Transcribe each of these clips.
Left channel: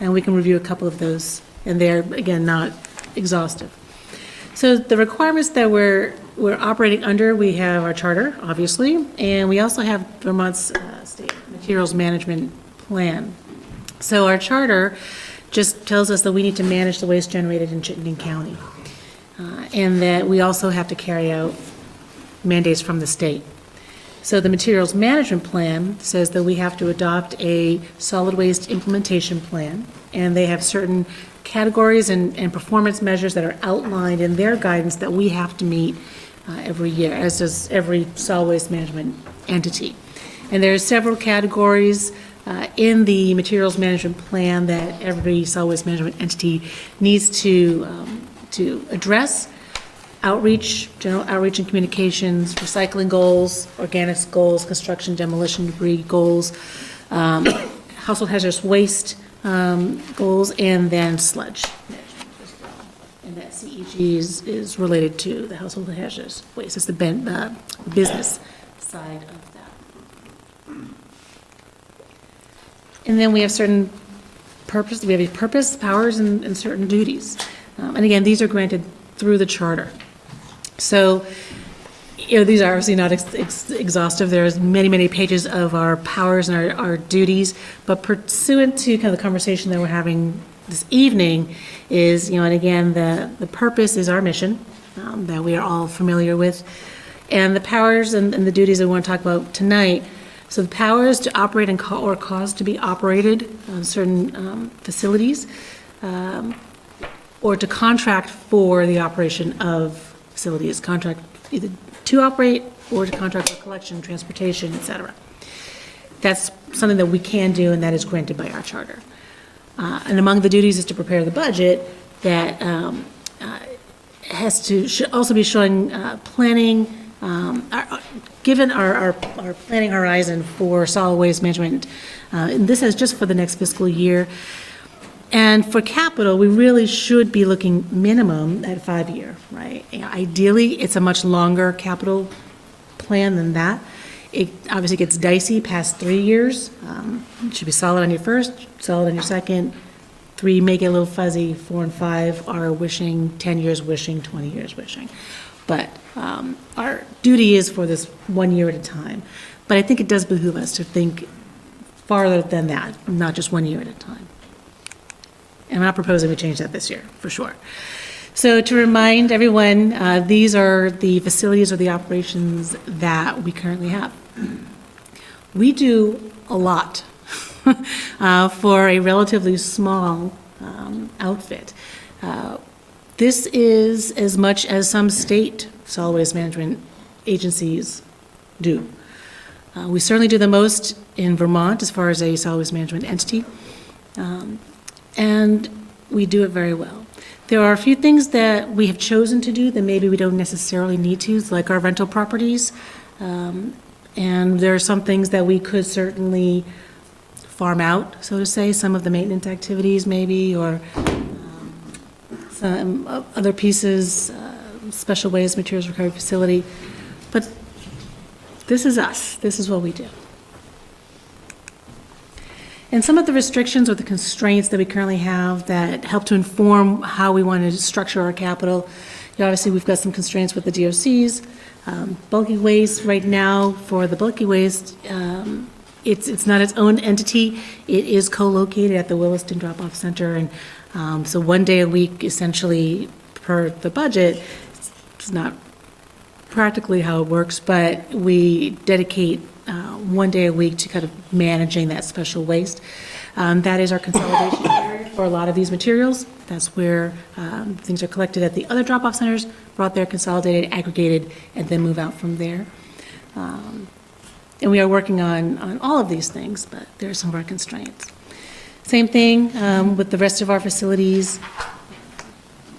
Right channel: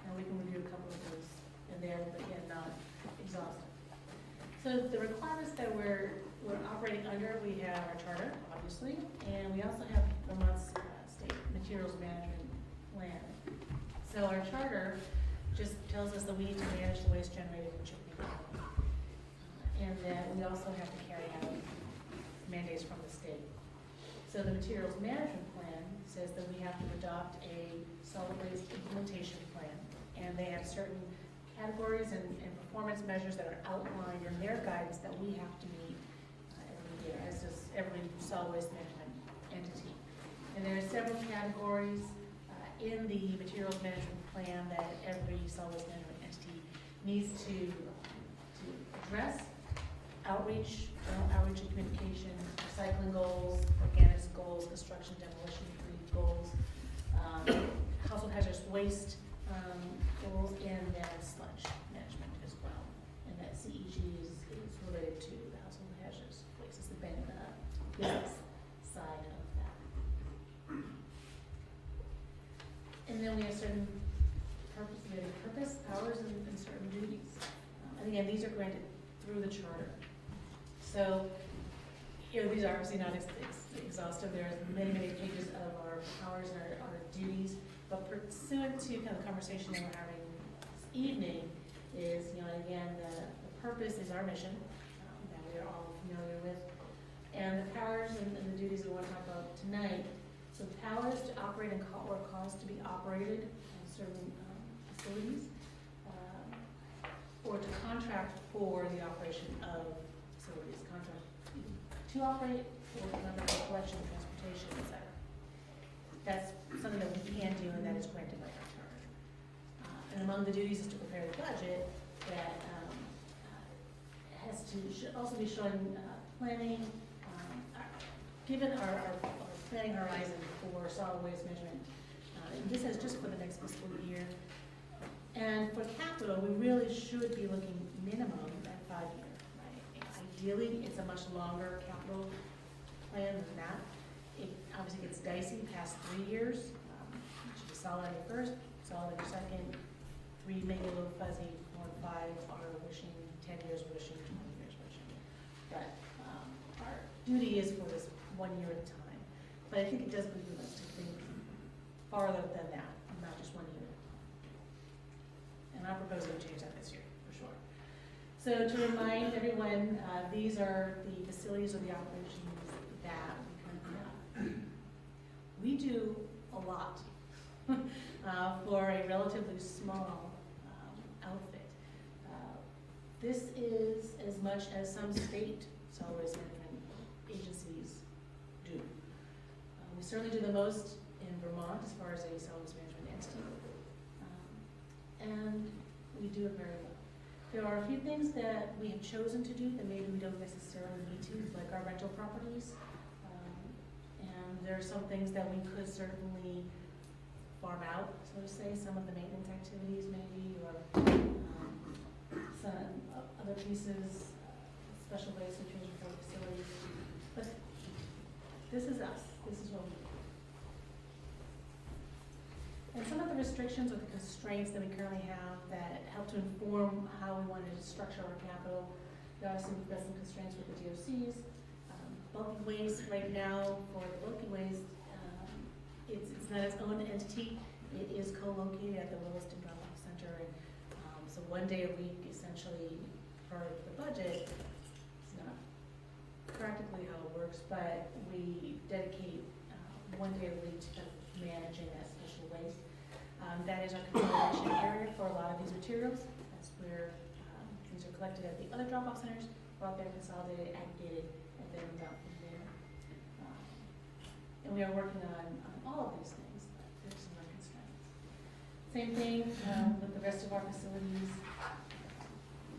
and we can review a couple of those, and they're, again, not exhaustive. So the requirements that we're operating under, we have our charter, obviously, and we also have Vermont's state materials management plan. So our charter just tells us that we need to manage the waste generated in Chittenden County, and that we also have to carry out mandates from the state. So the materials management plan says that we have to adopt a solid waste implementation plan, and they have certain categories and performance measures that are outlined in their guidance that we have to meet every year, as does every solid waste management entity. And there are several categories in the materials management plan that every solid waste management entity needs to address: outreach, general outreach and communications, recycling goals, organics goals, construction demolition debris goals, household hazardous waste goals, and then sludge management as well. And that CEG is related to the household hazardous waste. It's the business side of that. And then we have certain purpose. We have a purpose, powers, and certain duties. And again, these are granted through the charter. So, these are obviously not exhaustive. There's many, many pages of our powers and our duties, but pursuant to kind of the conversation that we're having this evening is, and again, the purpose is our mission that we are all familiar with, and the powers and the duties that we want to talk about tonight. So the powers to operate or cause to be operated on certain facilities, or to contract for the operation of facilities, contract either to operate or to contract for collection, transportation, et cetera. That's something that we can do, and that is granted by our charter. And among the duties is to prepare the budget that should also be showing planning, given our planning horizon for solid waste management. And this is just for the next fiscal year. And for capital, we really should be looking minimum at 5-year, right? Ideally, it's a much longer capital plan than that. It obviously gets dicey past 3 years. It should be solid on your first, solid on your second. 3 make it a little fuzzy. 4 and 5 are wishing, 10 years wishing, 20 years wishing. But our duty is for this 1 year at a time. But I think it does behoove us to think farther than that, not just 1 year at a time. And I'm not proposing we change that this year, for sure. So to remind everyone, these are the facilities or the operations that we currently have. We do a lot for a relatively small outfit. This is as much as some state solid waste management agencies do. We certainly do the most in Vermont as far as a solid waste management entity. And we do it very well. There are a few things that we have chosen to do that maybe we don't necessarily need to, like our rental properties. And there are some things that we could certainly farm out, so to say, some of the maintenance activities maybe, or some other pieces, special waste materials recovery facility. But this is us. This is what we do. And some of the restrictions or the constraints that we currently have that help to inform how we want to structure our capital. Obviously, we've got some constraints with the DOCs. Bulky waste right now, for the bulky waste, it's not its own entity. It is co-located at the Williston Drop-Off Center. And so 1 day a week, essentially, per the budget, it's not practically how it works, but we dedicate 1 day a week to kind of managing that special waste. That is our consolidation area for a lot of these materials. That's where things are collected at the other drop-off centers, brought there, consolidated, aggregated, and then move out from there. And we are working on all of these things, but there are some of our constraints. Same thing with the rest of our facilities.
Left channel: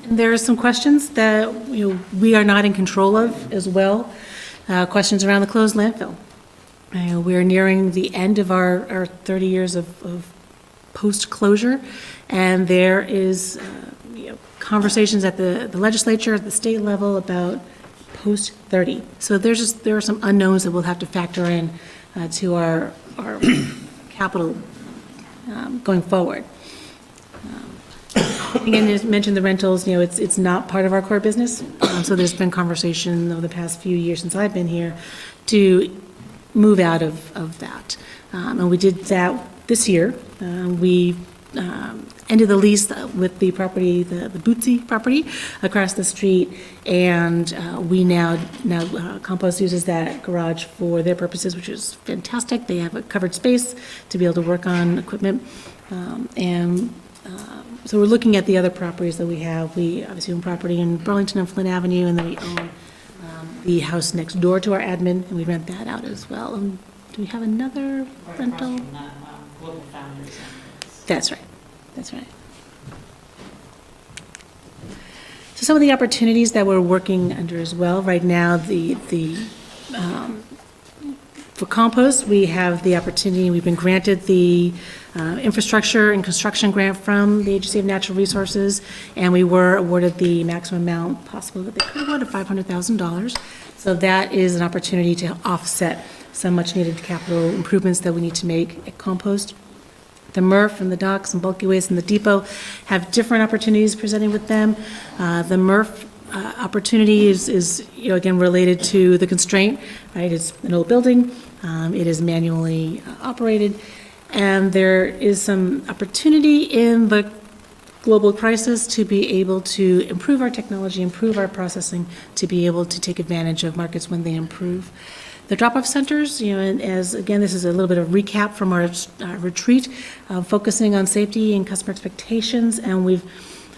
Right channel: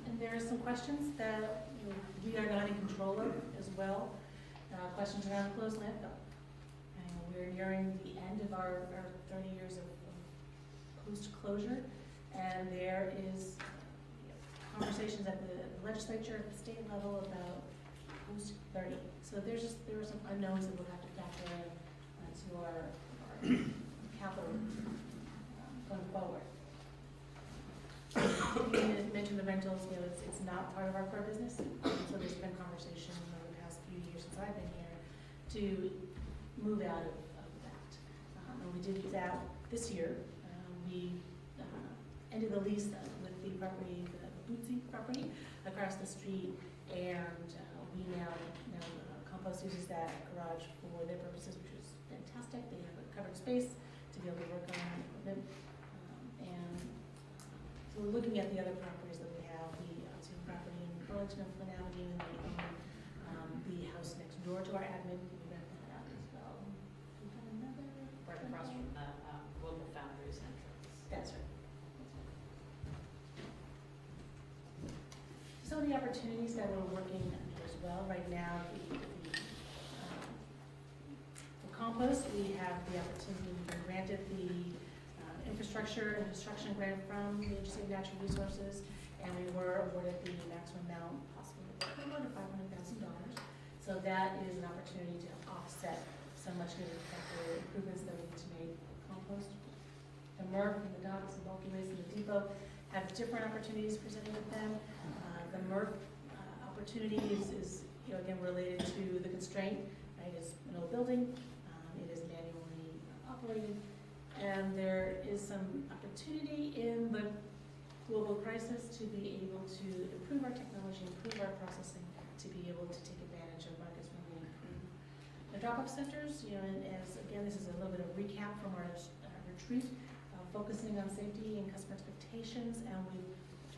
And there are some questions that we are not in control of as well. Questions around the closed landfill. We're nearing the end of our 30 years of post-closure, and there is conversations at the legislature, at the state level about post-30. So there are some unknowns that we'll have to factor in to our capital going forward. Again, you mentioned the rentals, it's not part of our core business. So there's been conversation over the past few years since I've been here to move out of that. And we did that this year. We ended the lease with the property, the Bootsy property across the street, and we now Compost uses that garage for their purposes, which is fantastic. They have a covered space to be able to work on equipment, so we're looking at the other properties that we have. We obviously own property in Burlington and Flint Avenue, and then we own the house next door to our admin, and we rent that out as well. Do we have another rental? Global Founders. That's right. That's right. So some of the opportunities that we're working under as well right now, for compost, we have the opportunity, we've been granted the infrastructure and construction grant from the Agency of Natural Resources, and we were awarded the maximum amount possible that they could award of $500,000. So that is an opportunity to offset some much-needed capital improvements that we need to make at compost. The MRF and the docks and bulky waste and the depot have different opportunities presenting with them. The MRF opportunity is again related to the constraint, right? It's an old building, it is manually operated, and there is some opportunity in the global crisis to be able to improve our technology, improve our processing, to be able to take advantage of markets when they improve. The drop-off centers, and as again, this is a little bit of recap from our retreat, focusing on safety and customer expectations, and I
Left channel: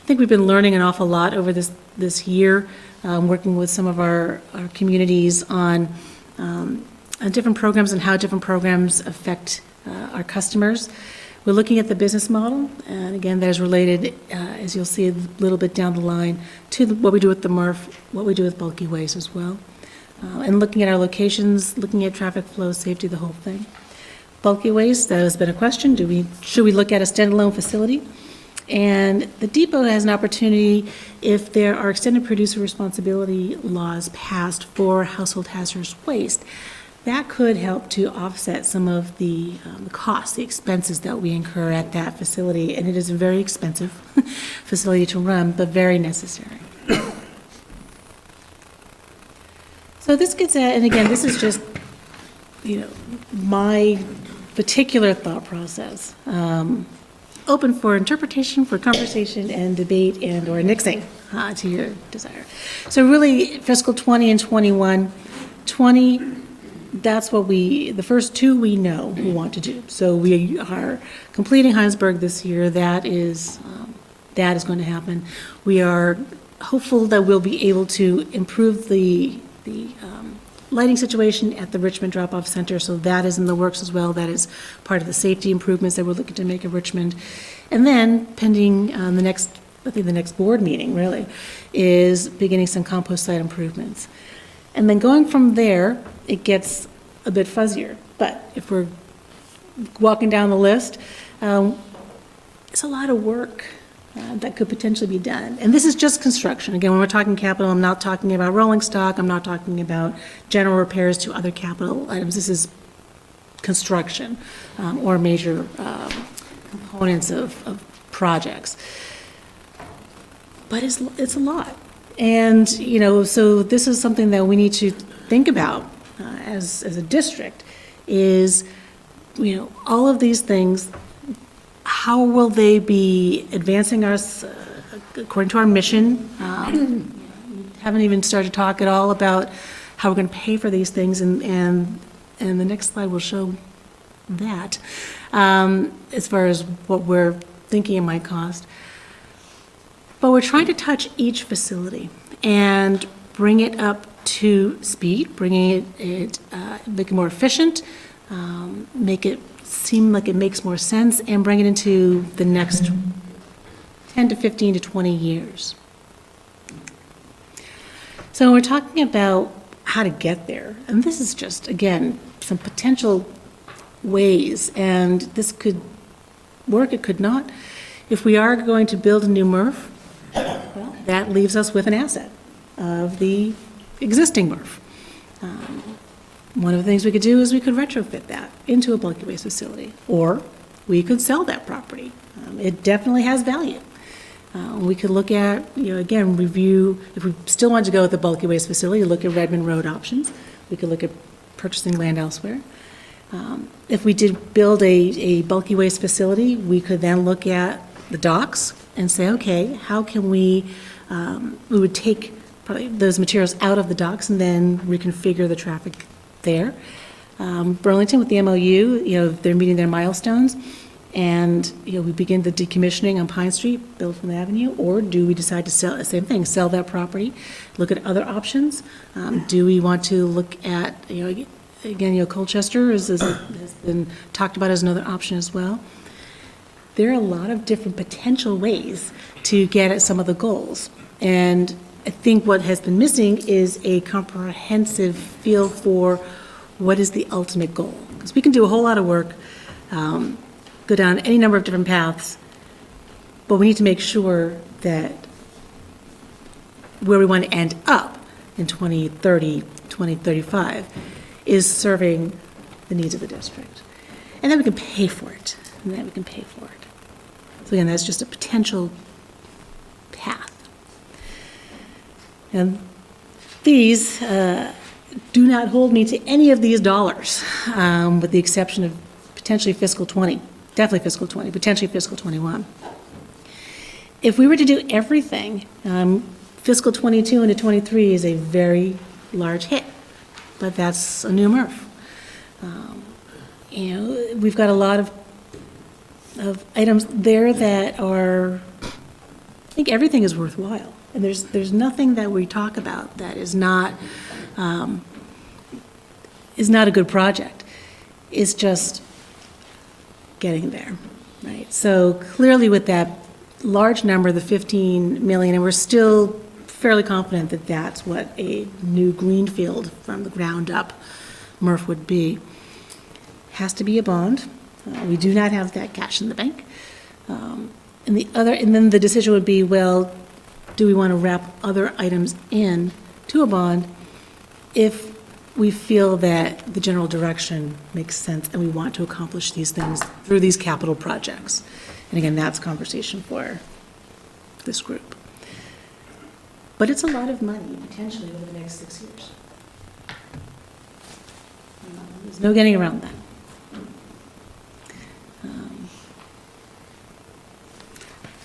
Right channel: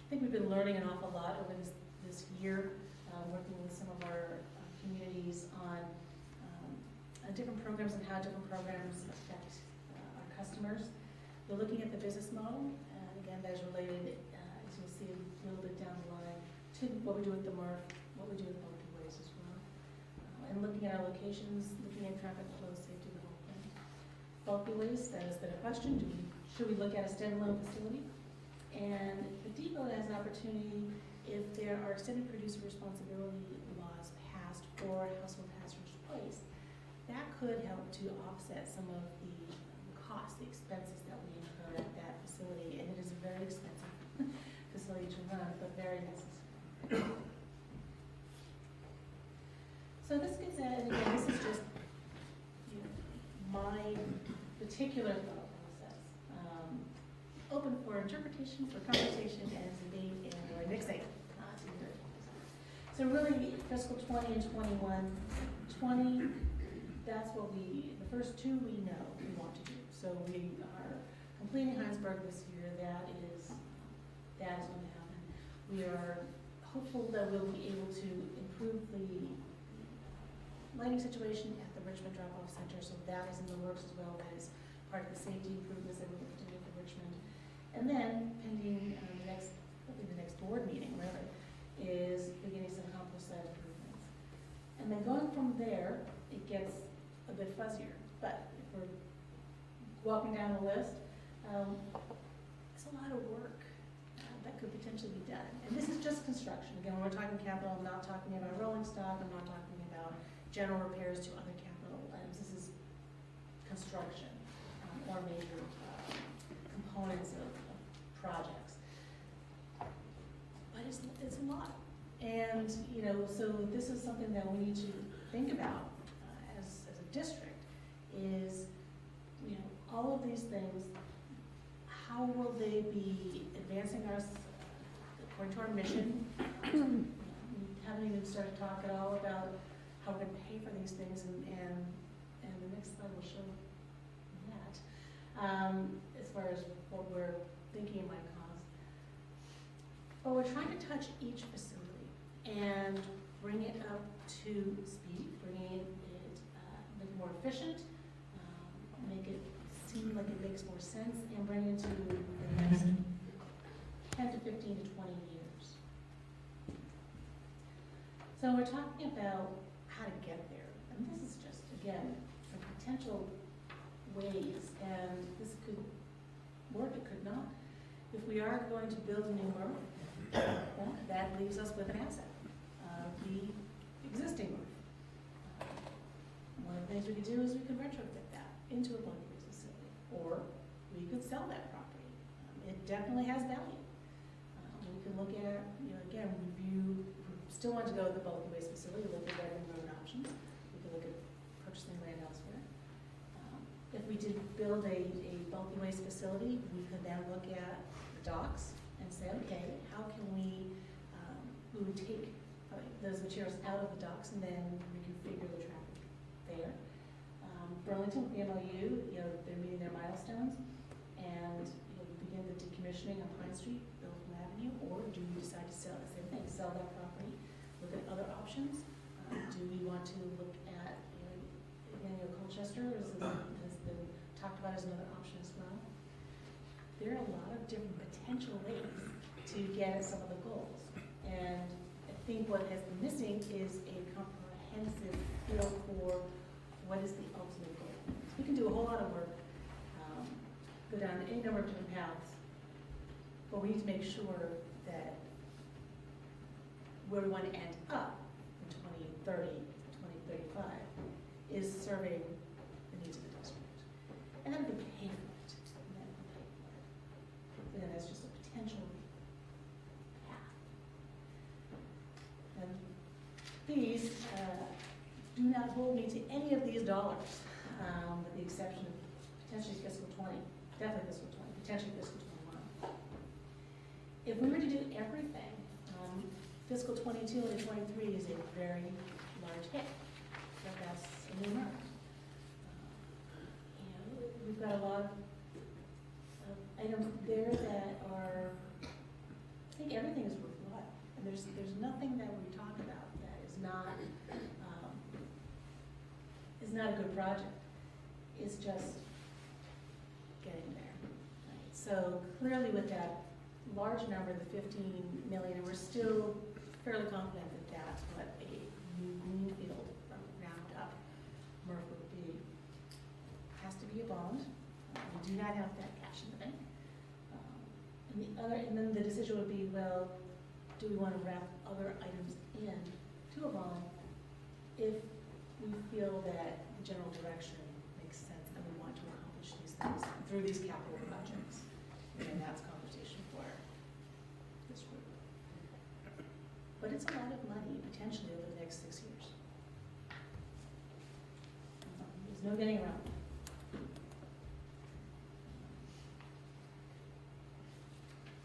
think we've been learning an awful lot over this year, working with some of our communities on different programs and how different programs affect our customers. We're looking at the business model, and again, that is related, as you'll see a little bit down the line, to what we do with the MRF, what we do with bulky waste as well. And looking at our locations, looking at traffic flow, safety, the whole thing. Bulky waste, that has been a question. Should we look at a standalone facility? And the depot has an opportunity if there are extended producer responsibility laws passed for household hazardous waste. That could help to offset some of the costs, the expenses that we incur at that facility. And it is a very expensive facility to run, but very necessary. So this gets at, and again, this is just, my particular thought process. Open for interpretation, for conversation and debate and or nixing to your desire. So really fiscal 20 and 21, 20, that's what the first two we know we want to do. So we are completing Heinsberg this year. That is going to happen. We are hopeful that we'll be able to improve the lighting situation at the Richmond Drop-Off Center, so that is in the works as well. That is part of the safety improvements that we're looking to make at Richmond. And then pending the next board meeting really is beginning some compost site improvements. And then going from there, it gets a bit fuzzier. But if we're walking down the list, it's a lot of work that could potentially be done. And this is just construction. Again, when we're talking capital, I'm not talking about rolling stock. I'm not talking about general repairs to other capital items. This is construction or major components of projects. But it's a lot. And, so this is something that we need to think about as a district is, all of these things, how will they be advancing us according to our mission? We haven't even started to talk at all about how we're going to pay for these things, and the next slide will show that as far as what we're thinking it might cost. But we're trying to touch each facility and bring it up to speed, bringing it make it more efficient, make it seem like it makes more sense, and bring it into the next 10 to 15 to 20 years. So we're talking about how to get there, and this is just, again, some potential ways, and this could work, it could not. If we are going to build a new MRF, well, that leaves us with an asset of the existing MRF. One of the things we could do is we could retrofit that into a bulky waste facility, or we could sell that property. It definitely has value. We could look at, again, review, if we still wanted to go with the bulky waste facility, look at Redmond Road options. We could look at purchasing land elsewhere. If we did build a bulky waste facility, we could then look at the docks and say, okay, how can we would take probably those materials out of the docks and then reconfigure the traffic there. Burlington with the MOU, they're meeting their milestones, and, we begin the decommissioning on Pine Street, build from the avenue, or do we decide to sell, same thing, sell that property, look at other options? Do we want to look at, again, Colchester has been talked about as another option as well. There are a lot of different potential ways to get at some of the goals. And I think what has been missing is a comprehensive feel for what is the ultimate goal. Because we can do a whole lot of work, go down any number of different paths, but we need to make sure that where we want to end up in 2030, 2035 is serving the needs of the district. And then we can pay for it. So again, that's just a potential path. And these do not hold me to any of these dollars, with the exception of potentially fiscal 20, definitely fiscal 20, potentially fiscal 21. If we were to do everything, fiscal 22 into 23 is a very large hit, but that's a new MRF. We've got a lot of items there that are, I think everything is worthwhile. And there's nothing that we talk about that is not a good project. It's just getting there, right? So clearly with that large number, the 15 million, and we're still fairly confident that that's what a new greenfield from the ground up MRF would be, has to be a bond. We do not have that cash in the bank. And then the decision would be, well, do we want to wrap other items in to a bond if we feel that the general direction makes sense and we want to accomplish these things through these capital projects? And again, that's conversation for this group. But it's a lot of money, potentially, over the next 6 years. There's no getting around that. I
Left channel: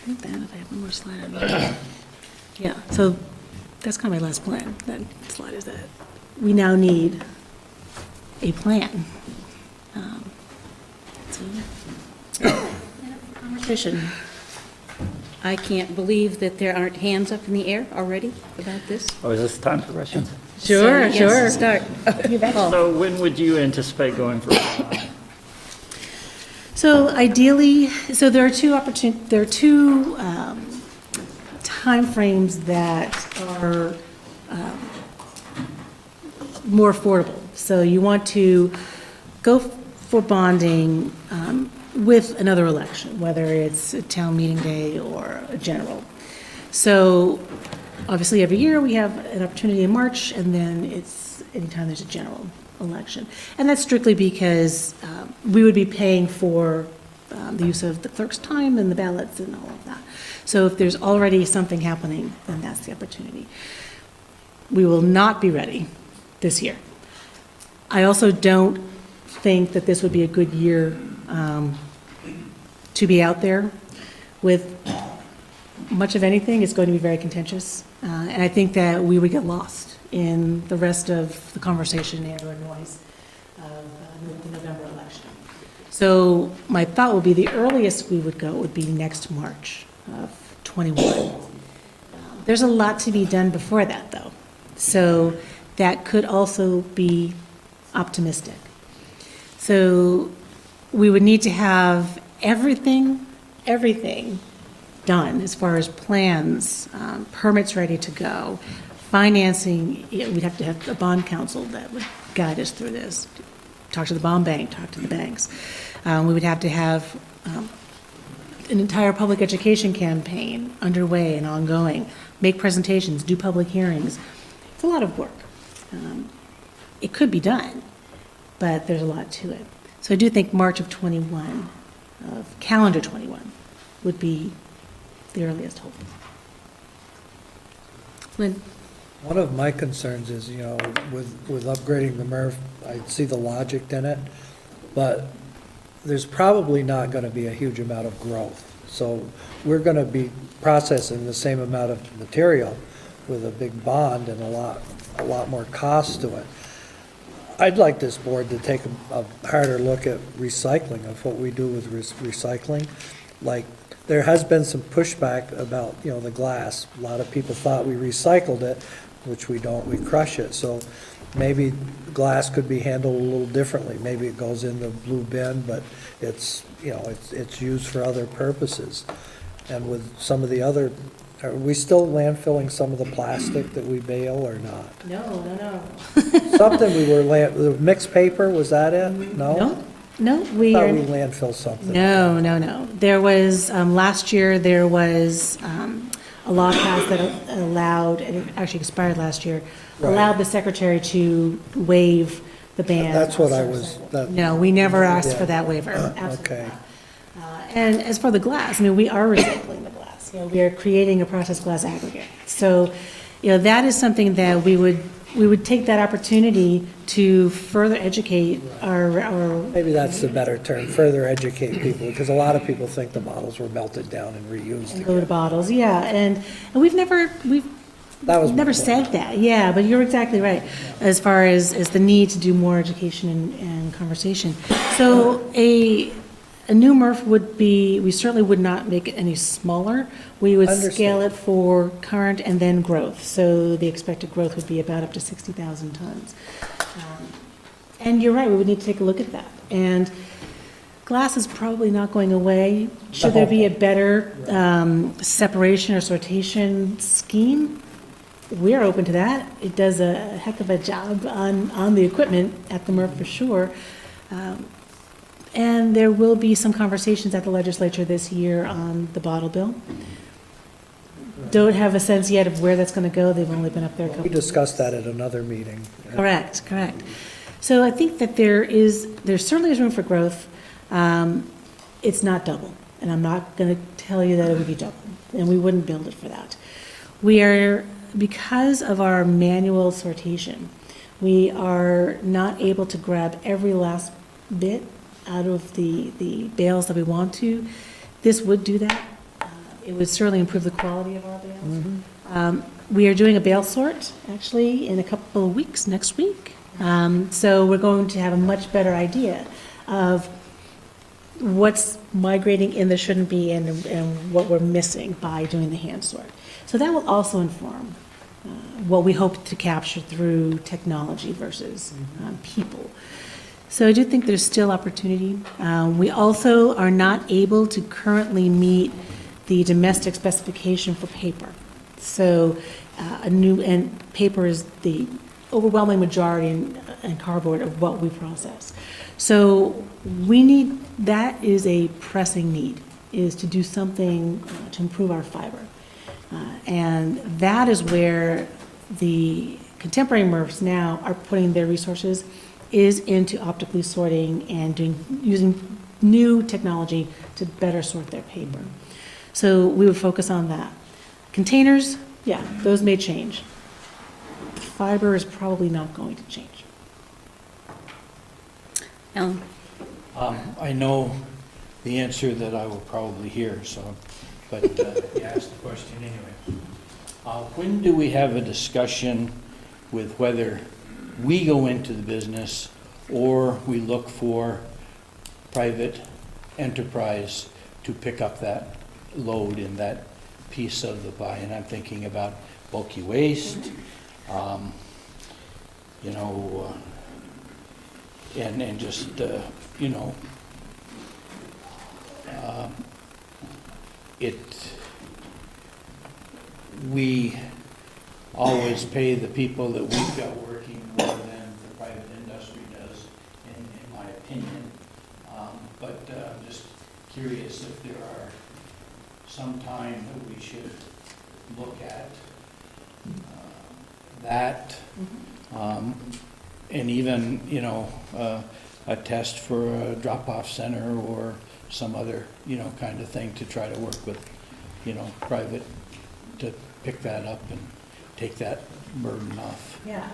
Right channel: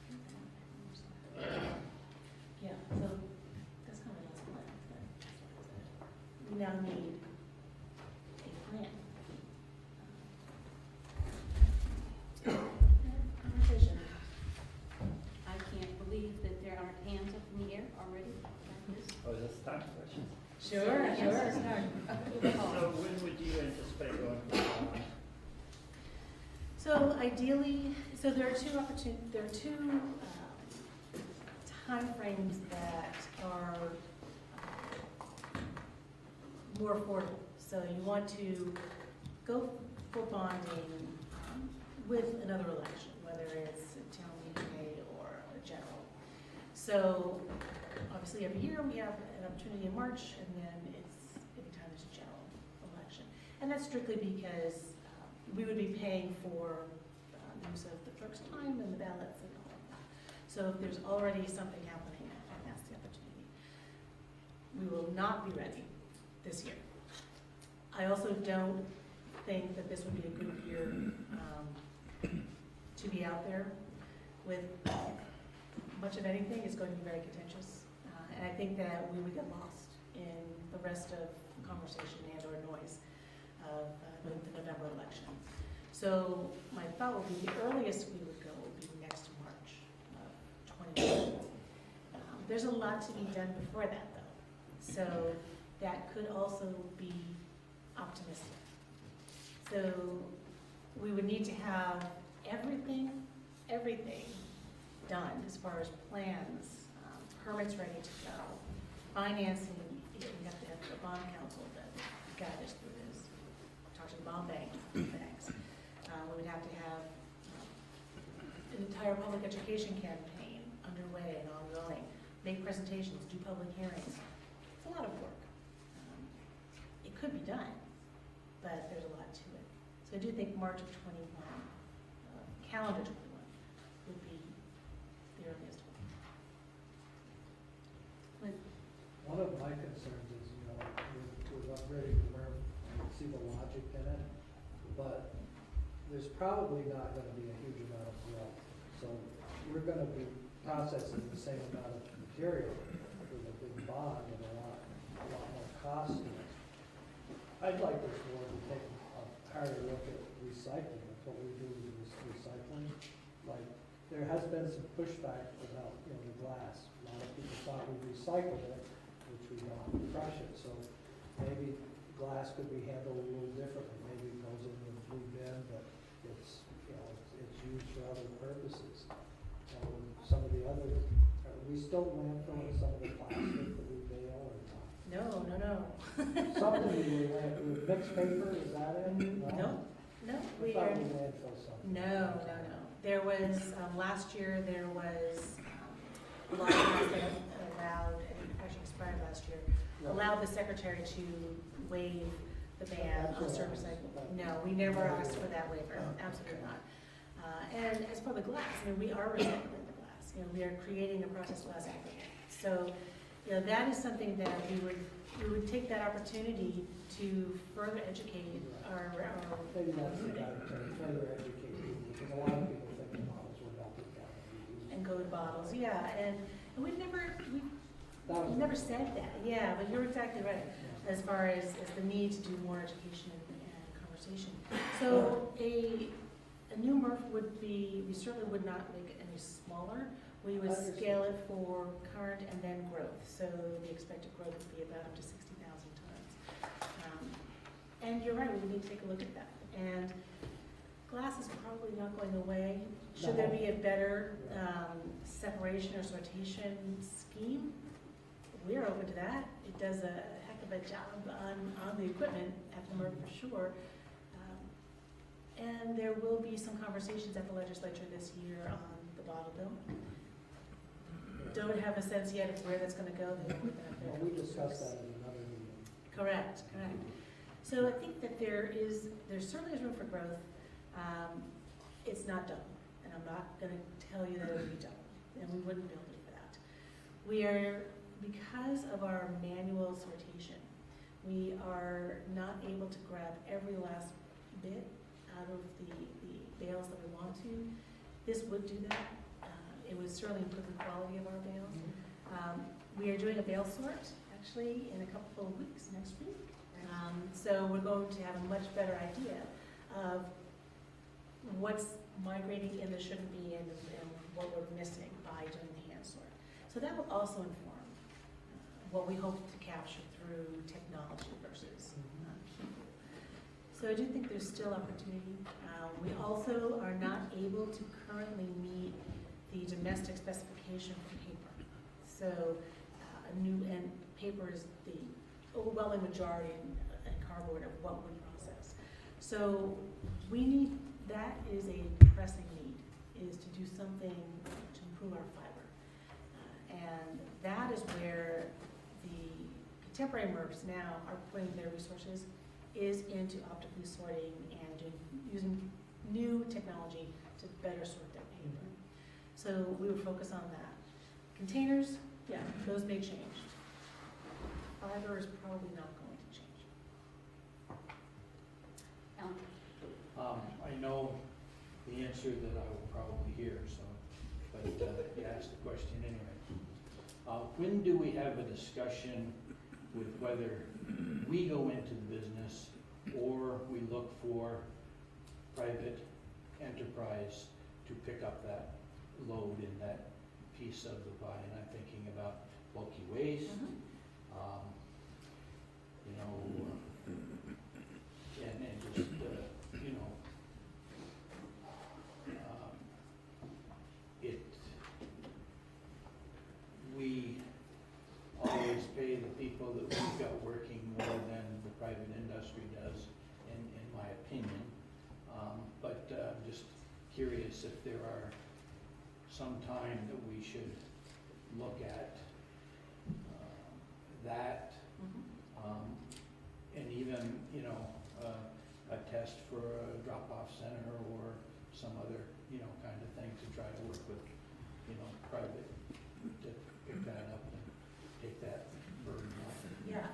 think that, if I have one more slide on that. Yeah, so that's kind of my last plan. That slide is that we now need a plan. Conversation. I can't believe that there aren't hands up in the air already about this. Oh, is this time for questions? Sure, So, sure. yes, start. So when would you anticipate going for? So ideally, so there are two timeframes that are more affordable. So you want to go for bonding with another election, whether it's a town meeting day or a general. So obviously every year we have an opportunity in March, and then it's anytime there's a general election. And that's strictly because we would be paying for the use of the clerk's time and the ballots and all of that. So if there's already something happening, then that's the opportunity. We will not be ready this year. I also don't think that this would be a good year to be out there with much of anything. It's going to be very contentious. And I think that we would get lost in the rest of the conversation and or noise of the November election. So my thought would be the earliest we would go would be next March of 21. There's a lot to be done before that, though. So that could also be optimistic. So we would need to have everything done as far as plans, permits ready to go, financing. We'd have to have a bond council that would guide us through this. Talk to the bond bank, talk to the banks. We would have to have an entire public education campaign underway and ongoing, make presentations, do public hearings. It's a lot of work. It could be done, but there's a lot to it. So I do think March of 21, of calendar 21, would be the earliest hope. Lynn? One of my concerns is, with upgrading the MRF, I see the logic in it, but there's probably not gonna be a huge amount of growth. So we're gonna be processing the same amount of material with a big bond and a lot more cost to it. I'd like this board to take a harder look at recycling, of what we do with recycling. Like, there has been some pushback about, the glass. A lot of people thought we recycled it, which we don't, we crush it. So maybe glass could be handled a little differently. Maybe it goes in the blue bin, but it's used for other purposes. And with some of the other, are we still landfilling some of the plastic that we bale or not? No. Something we were, the mixed paper, was that it? No? No, I we thought are. we landfill something. No. There was, last year, there was a law passed that allowed, and it actually expired last year, Right. allowed the secretary to waive the ban. That's what I was, No, we never asked for Yeah. that waiver, absolutely Okay. not. And as for the glass, we are recycling the glass. We are creating a processed glass aggregate. So, that is something that we would take that opportunity to further educate our Maybe that's the better term, further educate people, because a lot of people think the bottles were melted down and reused and go to again. bottles, yeah, and we've never That was my never point. said that, yeah, but you're exactly right, as far as the need to do more education and conversation. So a new MRF would be, we certainly would not make it any smaller. We would scale Understood. it for current and then growth. So the expected growth would be about up to 60,000 tons. And you're right, we would need to take a look at that. And glass is probably not going away. Should there be a better separation or sortation scheme? We're open to that. It does a heck of a job on the equipment at the MRF for sure. And there will be some conversations at the legislature this year on the bottle bill. Don't have a sense yet of where that's going to go. They've only been up there a couple. We discussed that at another meeting. Correct. So I think that there certainly is room for growth. It's not double, and I'm not going to tell you that it would be double, and we wouldn't build it for that. We are, because of our manual sortation, we are not able to grab every last bit out of the bales that we want to. This would do that. It would certainly improve the quality of our bales. We are doing a bale sort, actually, in a couple of weeks, next week. So we're going to have a much better idea of what's migrating in that shouldn't be and what we're missing by doing the hand sort. So that will also inform what we hope to capture through technology versus people. So I do think there's still opportunity. We also are not able to currently meet the domestic specification for paper. So and paper is the overwhelming majority in cardboard of what we process. So that is a pressing need, is to do something to improve our fiber. And that is where the contemporary MRFs now are putting their resources, is into optically sorting and using new technology to better sort their paper. So we would focus on that. Containers, yeah, those may change. Fiber is probably not going to change. Alan? I know the answer that I will probably hear, but you asked the question anyway. When do we have a discussion with whether we go into the business or we look for private enterprise to pick up that load in that piece of the pie? And I'm thinking about bulky waste, and just, we always pay the people that we've got working more than the private industry does, in my opinion. But I'm just curious if there are some time that we should look at that. And even, a test for a drop-off center or some other, kind of thing to try to work with, private to pick that up and take that burden off. Yeah.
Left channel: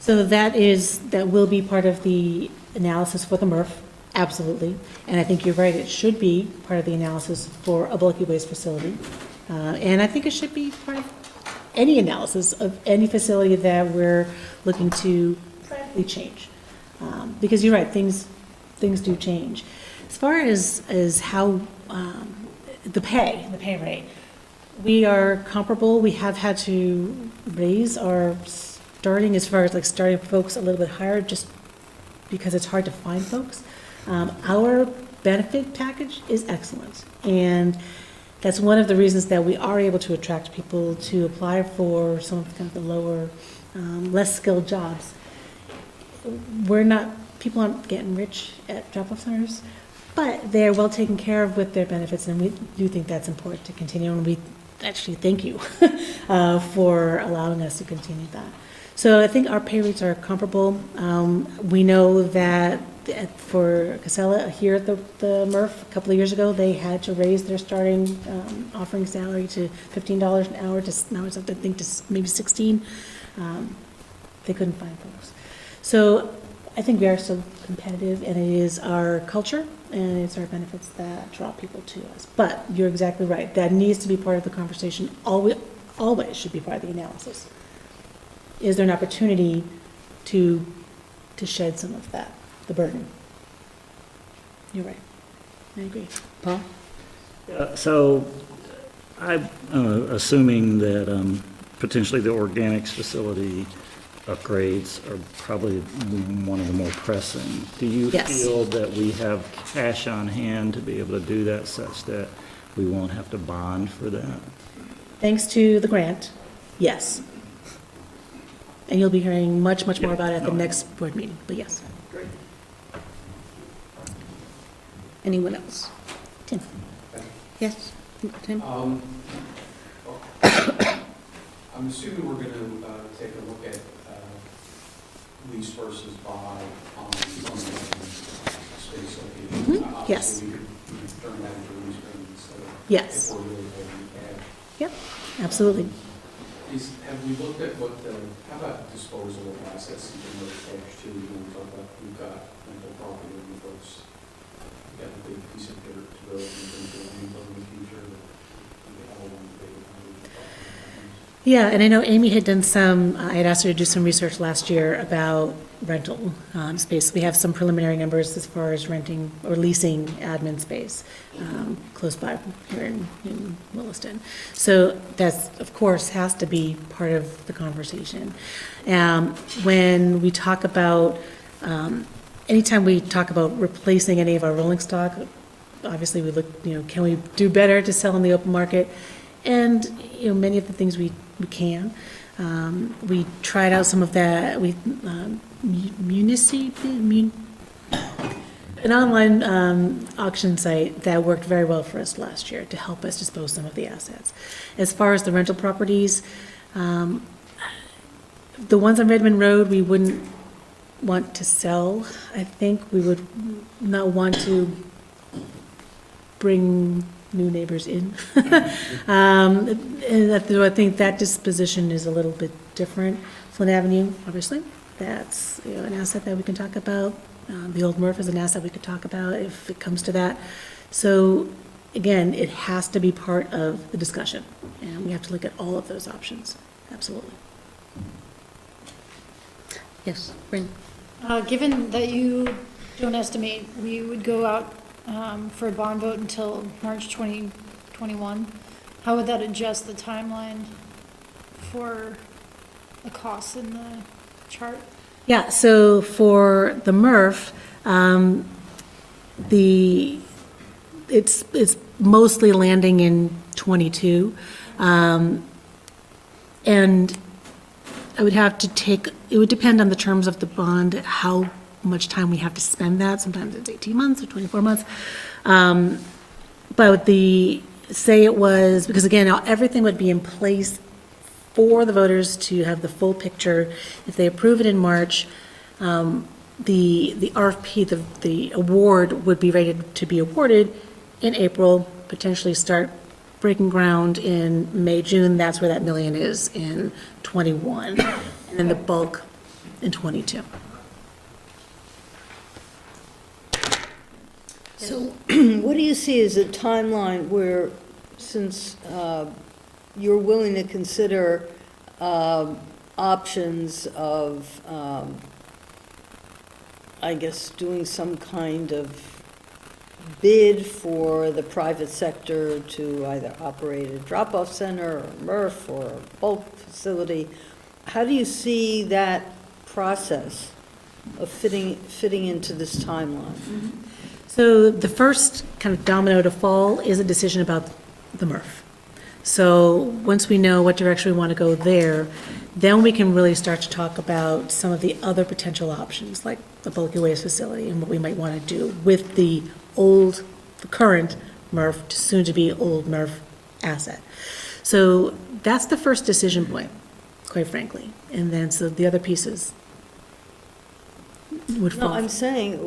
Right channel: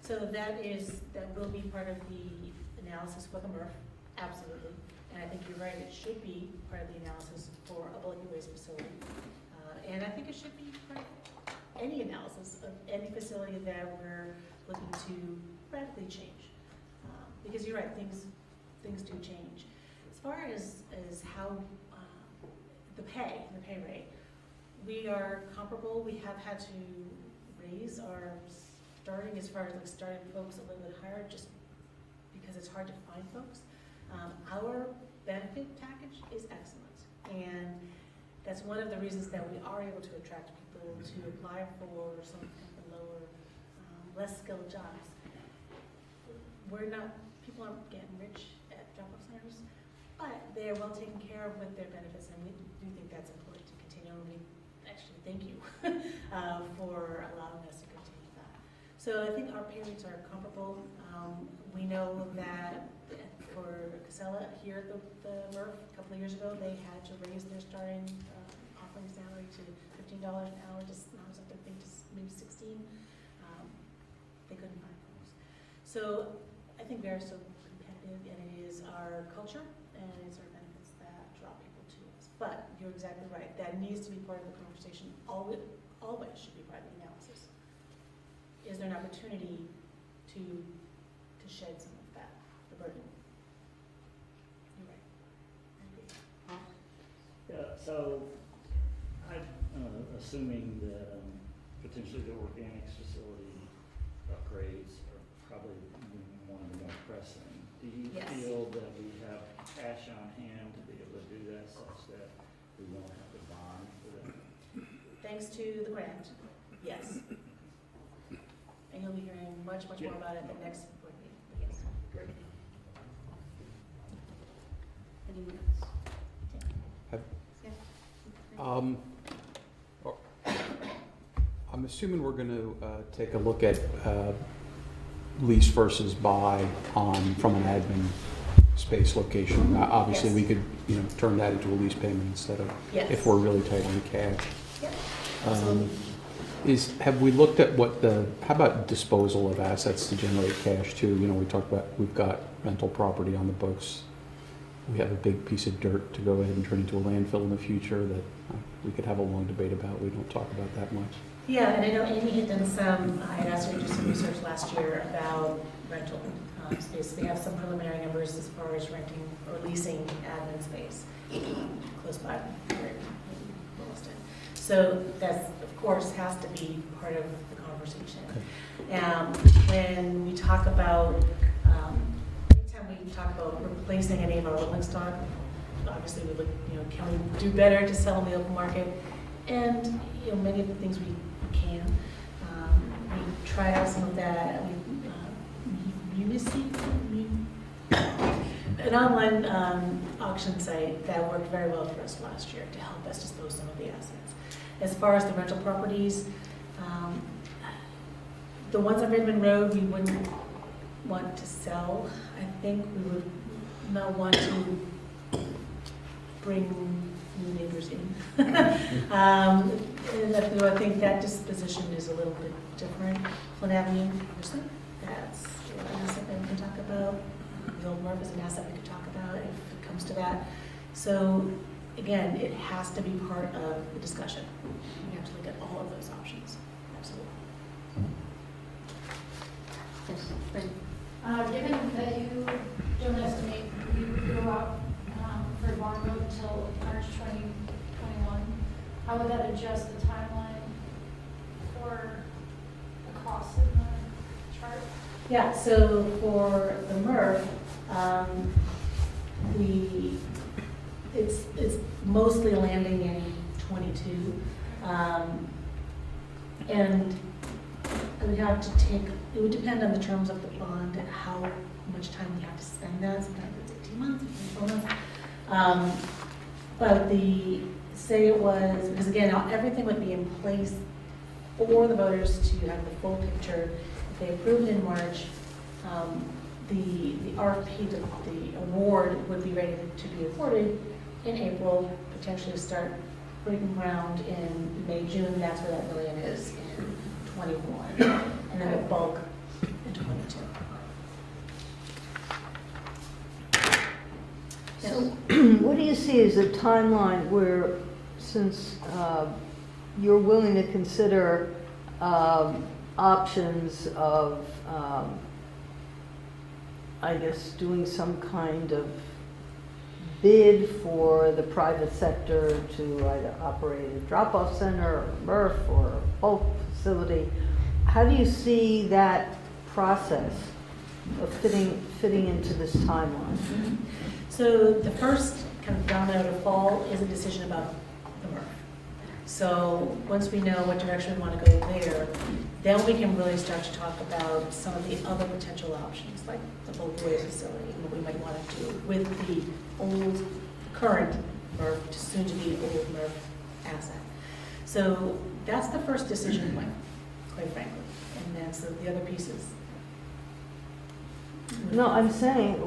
So that will be part of the analysis for the MRF, absolutely. And I think you're right, it should be part of the analysis for a bulky waste facility. And I think it should be part of any analysis of any facility that we're looking to radically change. Because you're right, things do change. As far as how, the pay rate, we are comparable. We have had to raise our starting, as far as like starting folks a little bit higher, just because it's hard to find folks. Our benefit package is excellent, and that's one of the reasons that we are able to attract people to apply for some of kind of the lower, less skilled jobs. People aren't getting rich at drop-off centers, but they're well taken care of with their benefits, and we do think that's important to continue, and we actually thank you for allowing us to continue that. So I think our pay rates are comparable. We know that for Casella, here at the MRF, a couple of years ago, they had to raise their starting offering salary to $15 an hour, now it's up to, I think, to maybe 16. They couldn't find folks. So I think we are still competitive, and it is our culture and it's our benefits that draw people to us. But you're exactly right. That needs to be part of the conversation. Always should be part of the analysis. Is there an opportunity to shed some of that, the burden? You're right. I agree. Paul? So I'm assuming that potentially the organics facility upgrades are probably one of the more pressing. Do you Yes. feel that we have cash on hand to be able to do that such that we won't have to bond for that? Thanks to the grant, yes. And you'll be hearing much more about it at the next board meeting, but yes. Great. Anyone else? Tim? Yes, Tim? I'm assuming we're gonna take a look at lease versus buy from an admin space location. Mhm, yes. Obviously, we could, turn that into a lease payment instead of, Yes. if we're really tight on cash. Yep, absolutely. Have we looked at how about disposal of assets to generate cash too? We talked about, we've got rental property on the books. We have a big piece of dirt to go ahead and turn into a landfill in the future that we could have a long debate about. We don't talk about that much. Yeah, and I know Amy had done I had asked her to do some research last year about rental space. We have some preliminary numbers as far as renting or leasing admin space close by here in Williston. So that's, of course, has to be part of the conversation. When we talk about, anytime we talk about replacing any of our rolling stock, obviously we look, can we do better to sell in the open market? And, many of the things we can. We tried out some of that, an online auction site that worked very well for us last year to help us dispose some of the assets. As far as the rental properties, the ones on Redmond Road, we wouldn't want to sell. I think we would not want to bring new neighbors in. And I think that disposition is a little bit different. Flint Avenue, obviously, that's an asset that we can talk about. The old MRF is an asset we could talk about if it comes to that. So again, it has to be part of the discussion, and we have to look at all of those options. Absolutely. Yes, Bryn? Given that you don't estimate we would go out for a bond vote until March 2021, how would that adjust the timeline for the costs in the chart? Yeah, so for the MRF, it's mostly landing in '22. And I would have to it would depend on the terms of the bond, how much time we have to spend that. Sometimes it's 18 months or 24 months. But say it was, because again, everything would be in place for the voters to have the full picture. If they approve it in March, the RFP, the award would be ready to be awarded in April, potentially start breaking ground in May, June, that's where that million is in '21, and then the bulk in '22. So what do you see as a timeline where, since you're willing to consider options of, I guess, doing some kind of bid for the private sector to either operate a drop-off center or a MRF or a bulk facility, how do you see that process of fitting into this timeline? So the first kind of domino to fall is a decision about the MRF. So once we know what direction we want to go there, then we can really start to talk about some of the other potential options, like the bulky waste facility and what we might want to do with the current MRF, soon-to-be old MRF asset. So that's the first decision point, quite frankly. And then, so the other pieces would No, fall. I'm saying,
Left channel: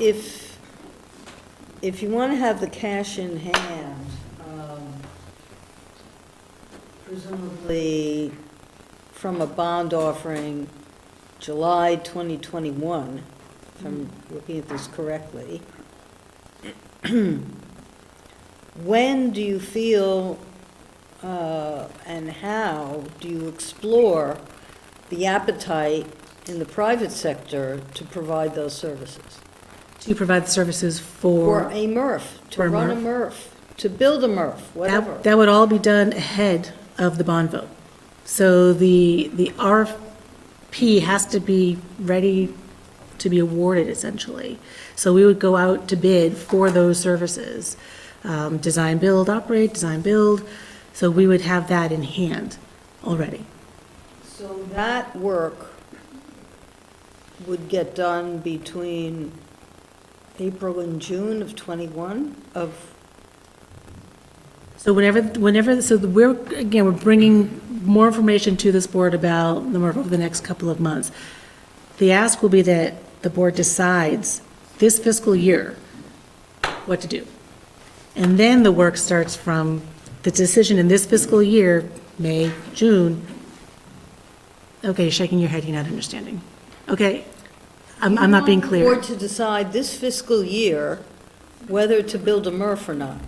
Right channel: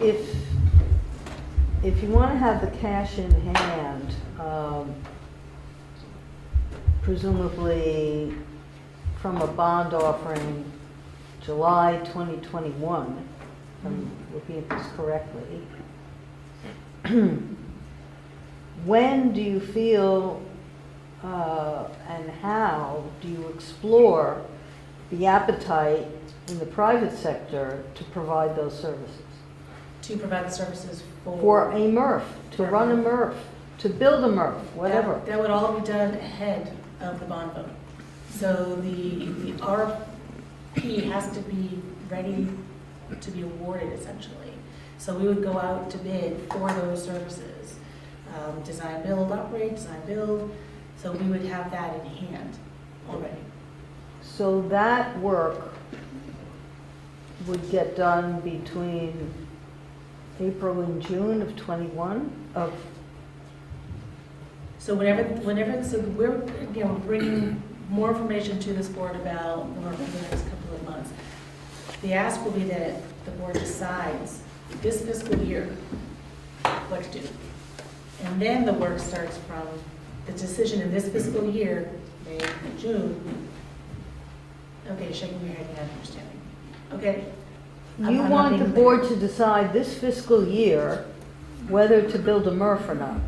if you want to have the cash in hand, presumably from a bond offering July 2021, if I'm looking at this correctly, when do you feel and how do you explore the appetite in the private sector to provide those services? To provide services For a MRF, to for a run a MRF, to build a MRF, whatever. That would all be done ahead of the bond vote. So the RFP has to be ready to be awarded, essentially. So we would go out to bid for those services. Design, build, operate, design, build. So we would have that in hand already. So that work would get done between April and June of '21 of, So we're bringing more information to this board about the MRF over the next couple of months. The ask will be that the board decides this fiscal year what to do. And then the work starts from the decision in this fiscal year, May, June. Okay, shaking your head, you're not understanding. Okay, I'm not being You clear. want the board to decide this fiscal year whether to build a MRF or not.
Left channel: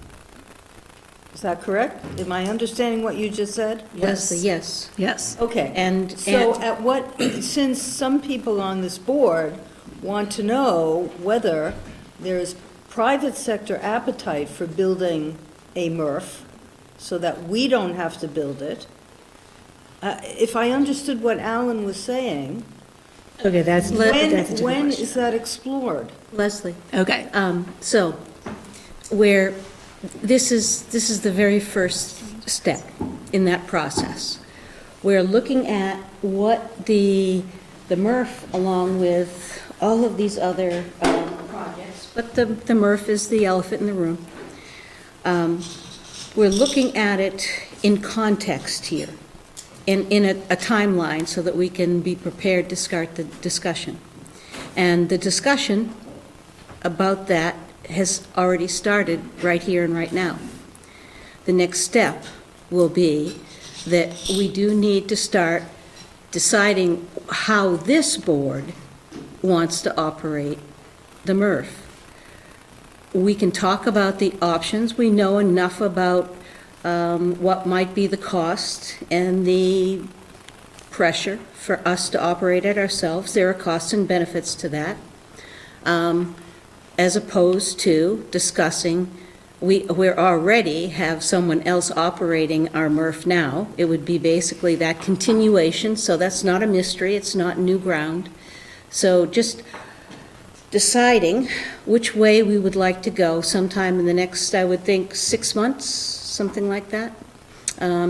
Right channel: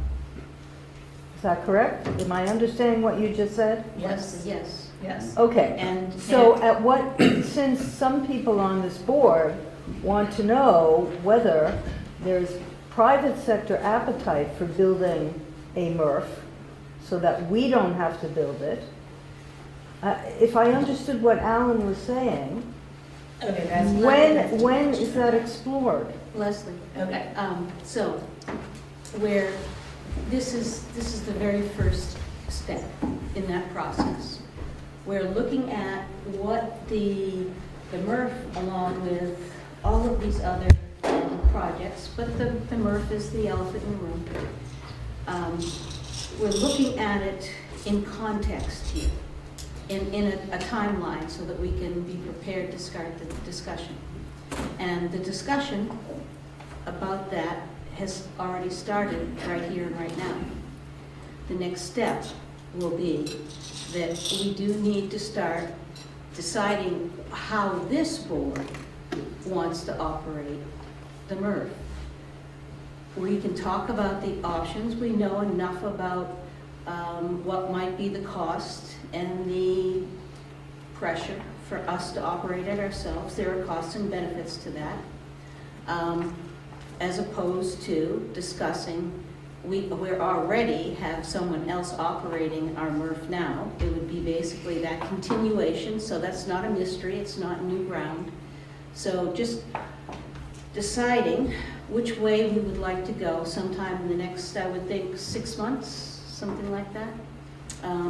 Is that correct? Am I understanding what you just said? Leslie, yes. Yes. Okay. And, So at what, since some people on this board want to know whether there's private sector appetite for building a MRF so that we don't have to build it, if I understood what Alan was saying, Okay, that's a when different is that explored? Leslie, Okay. so where this is the very first step in that process. We're looking at what the MRF, along with all of these other projects, but the MRF is the elephant in the room. We're looking at it in context here, in a timeline, so that we can be prepared to start the discussion. And the discussion about that has already started right here and right now. The next step will be that we do need to start deciding how this board wants to operate the MRF. We can talk about the options. We know enough about what might be the cost and the pressure for us to operate it ourselves. There are costs and benefits to that. As opposed to discussing, we already have someone else operating our MRF now. It would be basically that continuation, so that's not a mystery, it's not new ground. So just deciding which way we would like to go sometime in the next, I would think, 6 months, something like that,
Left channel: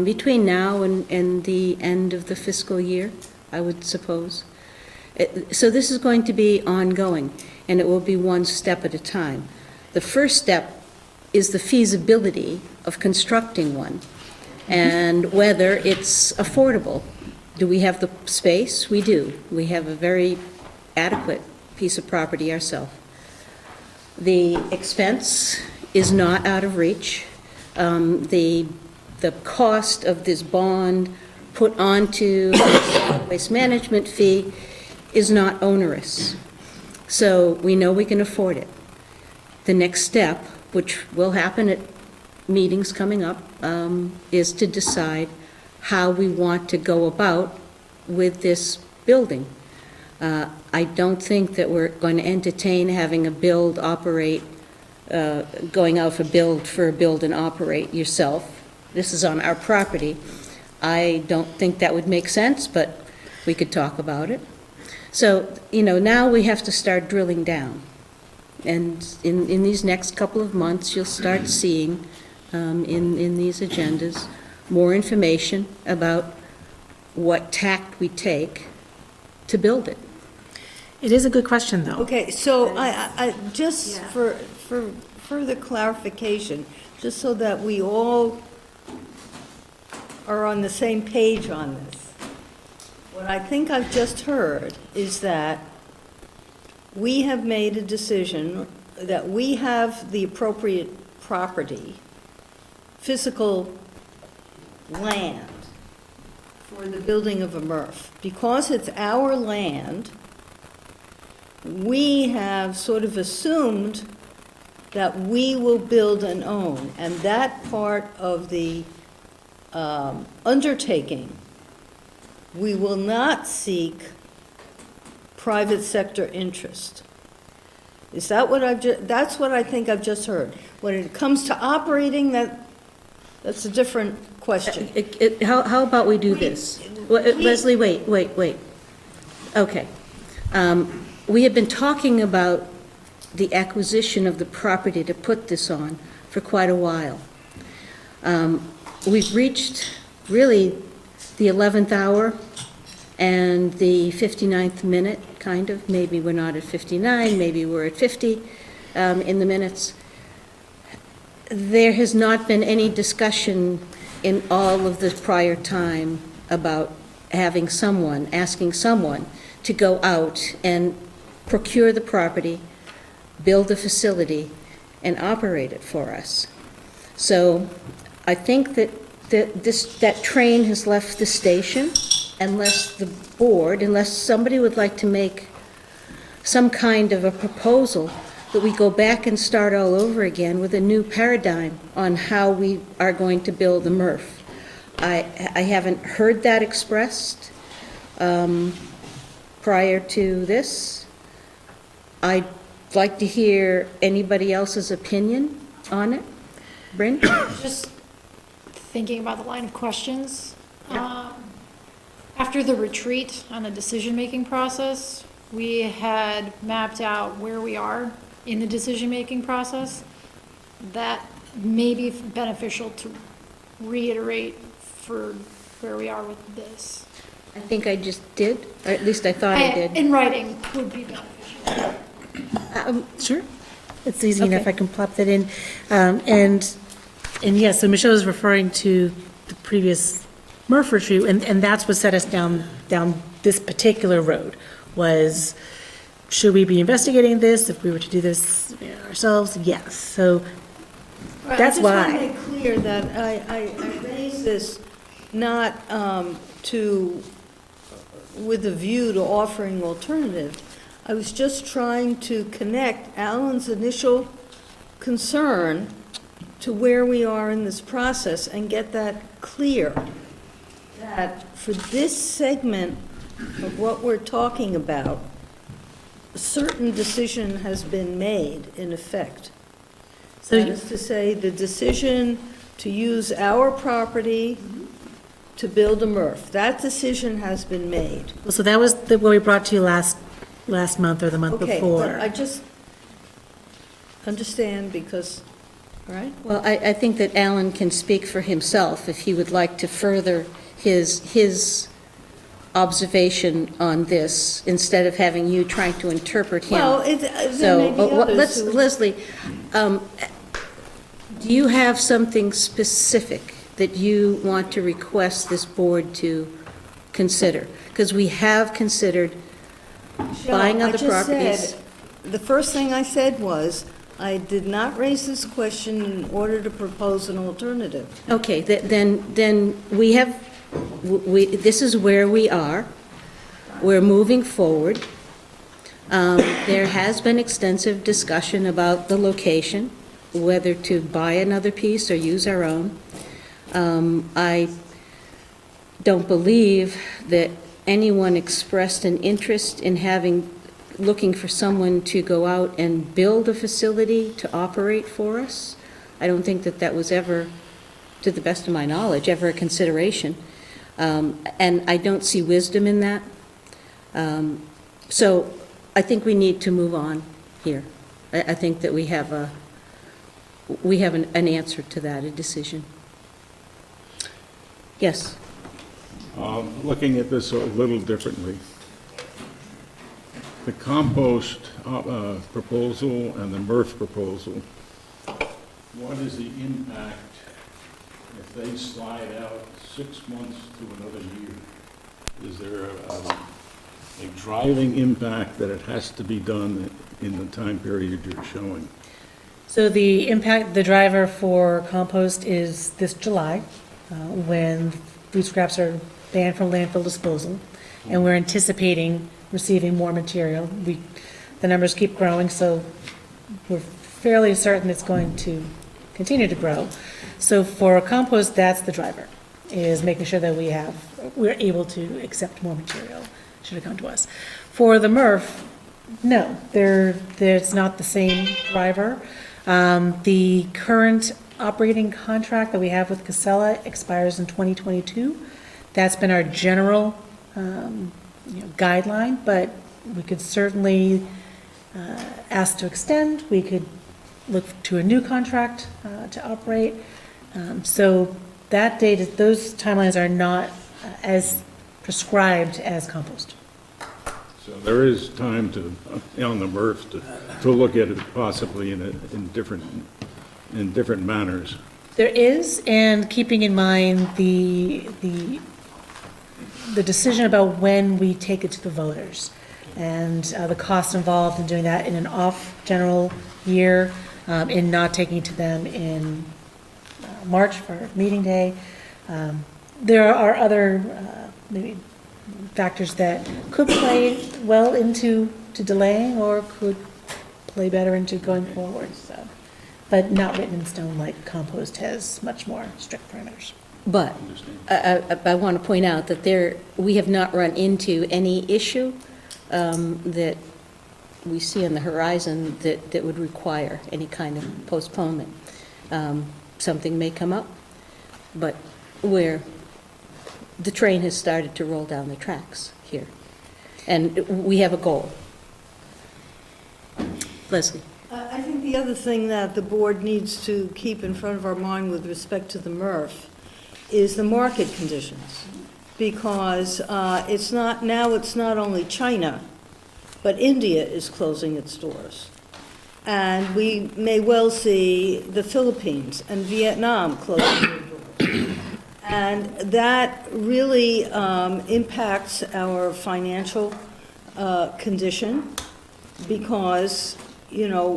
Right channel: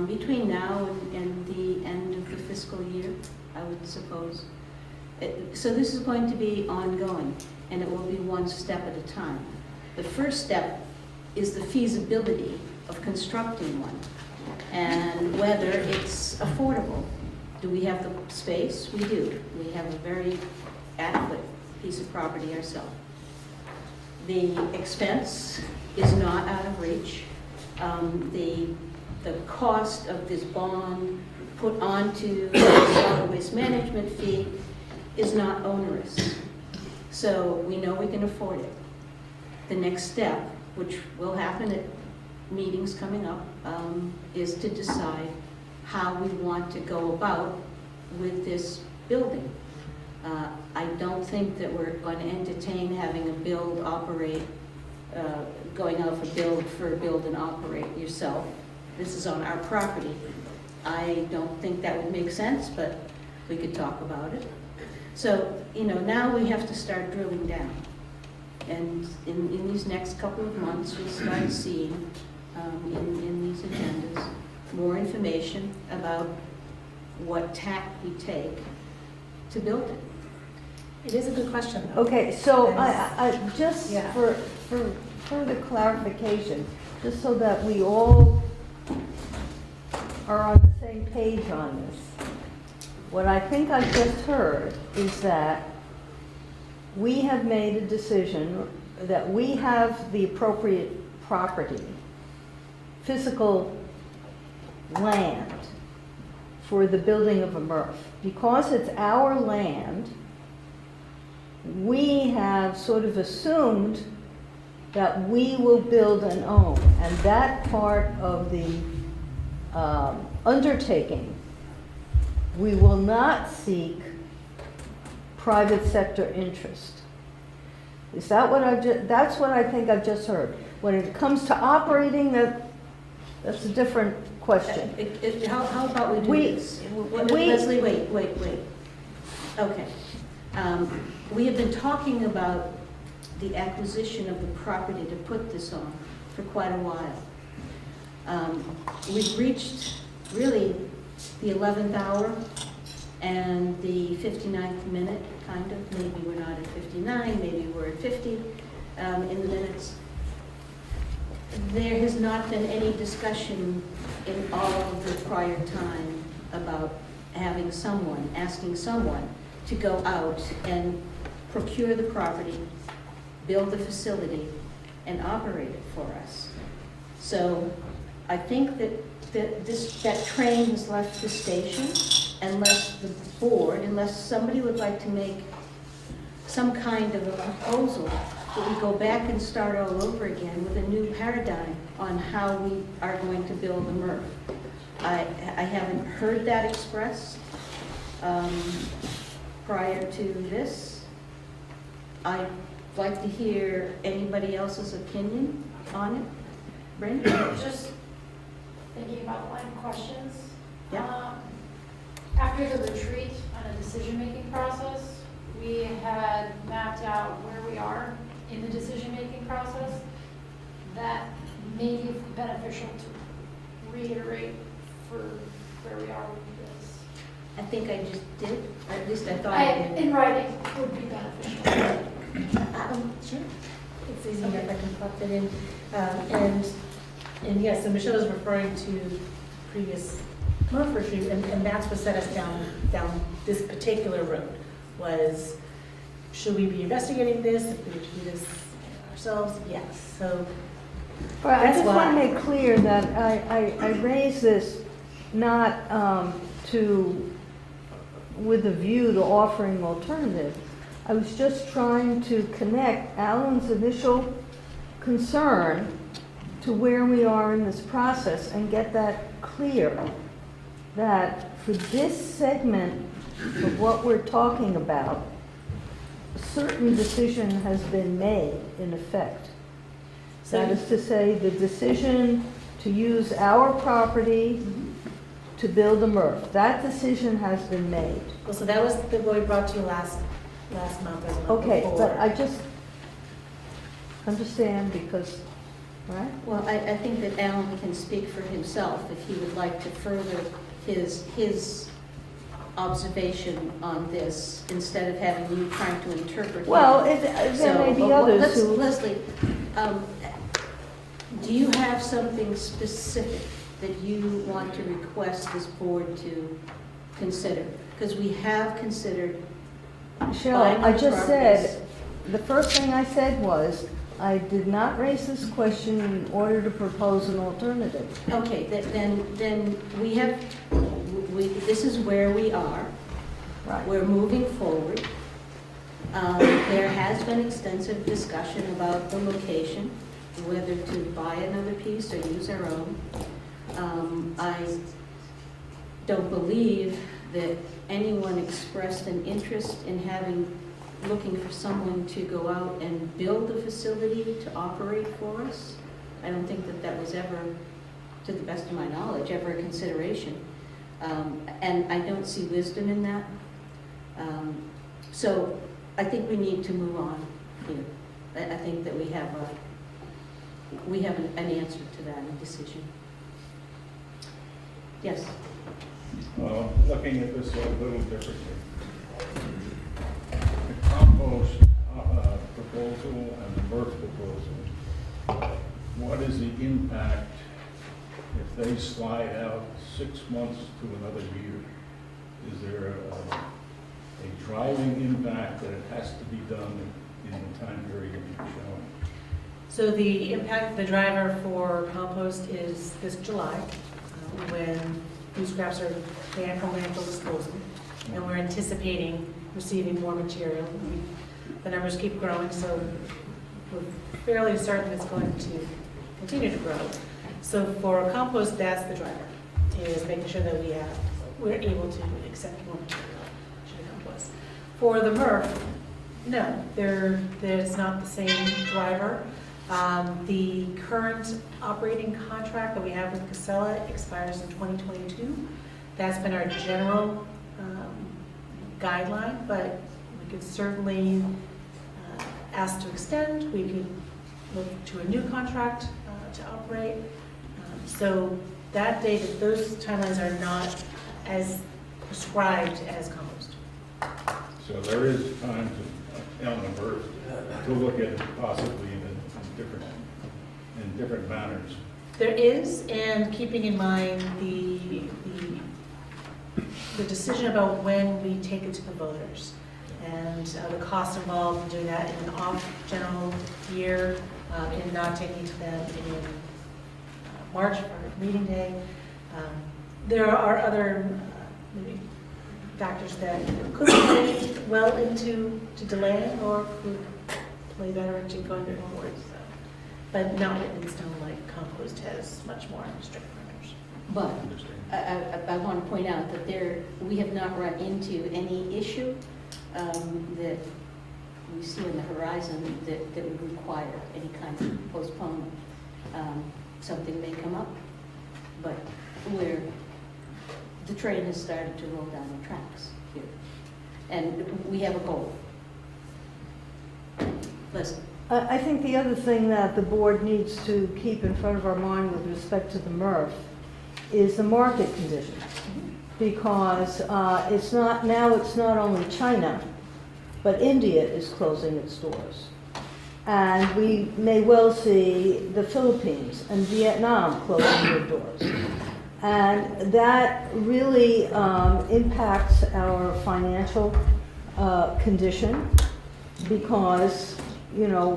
between now and the end of the fiscal year, I would suppose. So this is going to be ongoing, and it will be one step at a time. The first step is the feasibility of constructing one, and whether it's affordable. Do we have the space? We do. We have a very adequate piece of property ourselves. The expense is not out of reach. the cost of this bond put onto the waste management fee is not onerous. So we know we can afford it. The next step, which will happen at meetings coming up, is to decide how we want to go about with this building. I don't think that we're going to entertain having a build, operate, going out for a build and operate yourself. This is on our property. I don't think that would make sense, but we could talk about it. So, now we have to start drilling down. And in these next couple of months, you'll start seeing in these agendas more information about what tact we take to build it. It is a good question, though. Okay, so I just for further clarification, just so that we all are on the same page on this, what I think I've just heard is that we have made a decision that we have the appropriate property, physical land for the building of a MRF. Because it's our land, we have sort of assumed that we will build and own. And that part of the undertaking, we will not seek private sector interest. Is that what that's what I think I've just heard. When it comes to operating, that's a different question. How about we do this? Leslie, wait. Okay. We have been talking about the acquisition of the property to put this on for quite a while. We've reached really the 11th hour and the 59th minute, kind of. Maybe we're not at 59, maybe we're at 50 in the minutes. There has not been any discussion in all of the prior time about asking someone to go out and procure the property, build the facility, and operate it for us. So I think that train has left the station unless somebody would like to make some kind of a proposal that we go back and start all over again with a new paradigm on how we are going to build a MRF. I haven't heard that expressed prior to this. I'd like to hear anybody else's opinion on it. Bryn? Just thinking about the line of questions. After the retreat on the decision-making process, we had mapped out where we are in the decision-making process. That may be beneficial to reiterate for where we are with this. I think I just did, or at least I thought I did. In writing would be beneficial. Sure. It's easy enough, Okay. I can plop that in. And yes, so Michelle is referring to the previous MRF retreat, and that's what set us down this particular road, was should we be investigating this if we were to do this ourselves? Yes. So that's why. I just want to make clear that I raise this not with a view to offering alternative. I was just trying to connect Alan's initial concern to where we are in this process and get that clear, that for this segment of what we're talking about, a certain decision has been made, in effect. So That is to say, the decision to use our property to build a MRF. That decision has been made. So that was what we brought to you last month or the month Okay, before. but I just understand because, right? Well, I think that Alan can speak for himself if he would like to further his observation on this, instead of having you trying to interpret him. Well, there may be others who... Leslie, do you have something specific that you want to request this board to consider? Because we have considered buying I other just properties. said, the first thing I said was, I did not raise this question in order to propose an alternative. Okay, then we have, this is where we are. We're moving forward. There has been extensive discussion about the location, whether to buy another piece or use our own. I don't believe that anyone expressed an interest in looking for someone to go out and build a facility to operate for us. I don't think that was ever, to the best of my knowledge, ever a consideration. And I don't see wisdom in that. So I think we need to move on here. I think that we have an answer to that, a decision. Yes? Looking at this a little differently. The compost proposal and the MRF proposal, what is the impact if they slide out 6 months to another year? Is there a driving impact that it has to be done in the time period you're showing? So the impact, the driver for compost is this July, when food scraps are banned from landfill disposal, and we're anticipating receiving more material. The numbers keep growing, so we're fairly certain it's going to continue to grow. So for compost, that's the driver, is making sure that we're able to accept more material should it come to us. For the MRF, no, there's not the same driver. The current operating contract that we have with Casella expires in 2022. That's been our general guideline, but we could certainly ask to extend. We could look to a new contract to operate. So that date, those timelines are not as prescribed as compost. So there is time on the MRF to look at it possibly in different manners. There is, and keeping in mind the decision about when we take it to the voters and the cost involved in doing that in an off-general year, in not taking it to them in March for meeting day. There are other maybe factors that could play well into delaying or could play better into going forward. So, but not written in stone like compost has much more strict parameters. But I want to point out that we have not run into any issue that we see on the horizon that would require any kind of postponement. Something may come up, but where the train has started to roll down the tracks here. And we have a goal. Leslie? I think the other thing that the board needs to keep in front of our mind with respect to the MRF is the market conditions. Because it's not only China, but India is closing its doors. And we may well see the Philippines and Vietnam closing their doors. And that really impacts our financial condition because,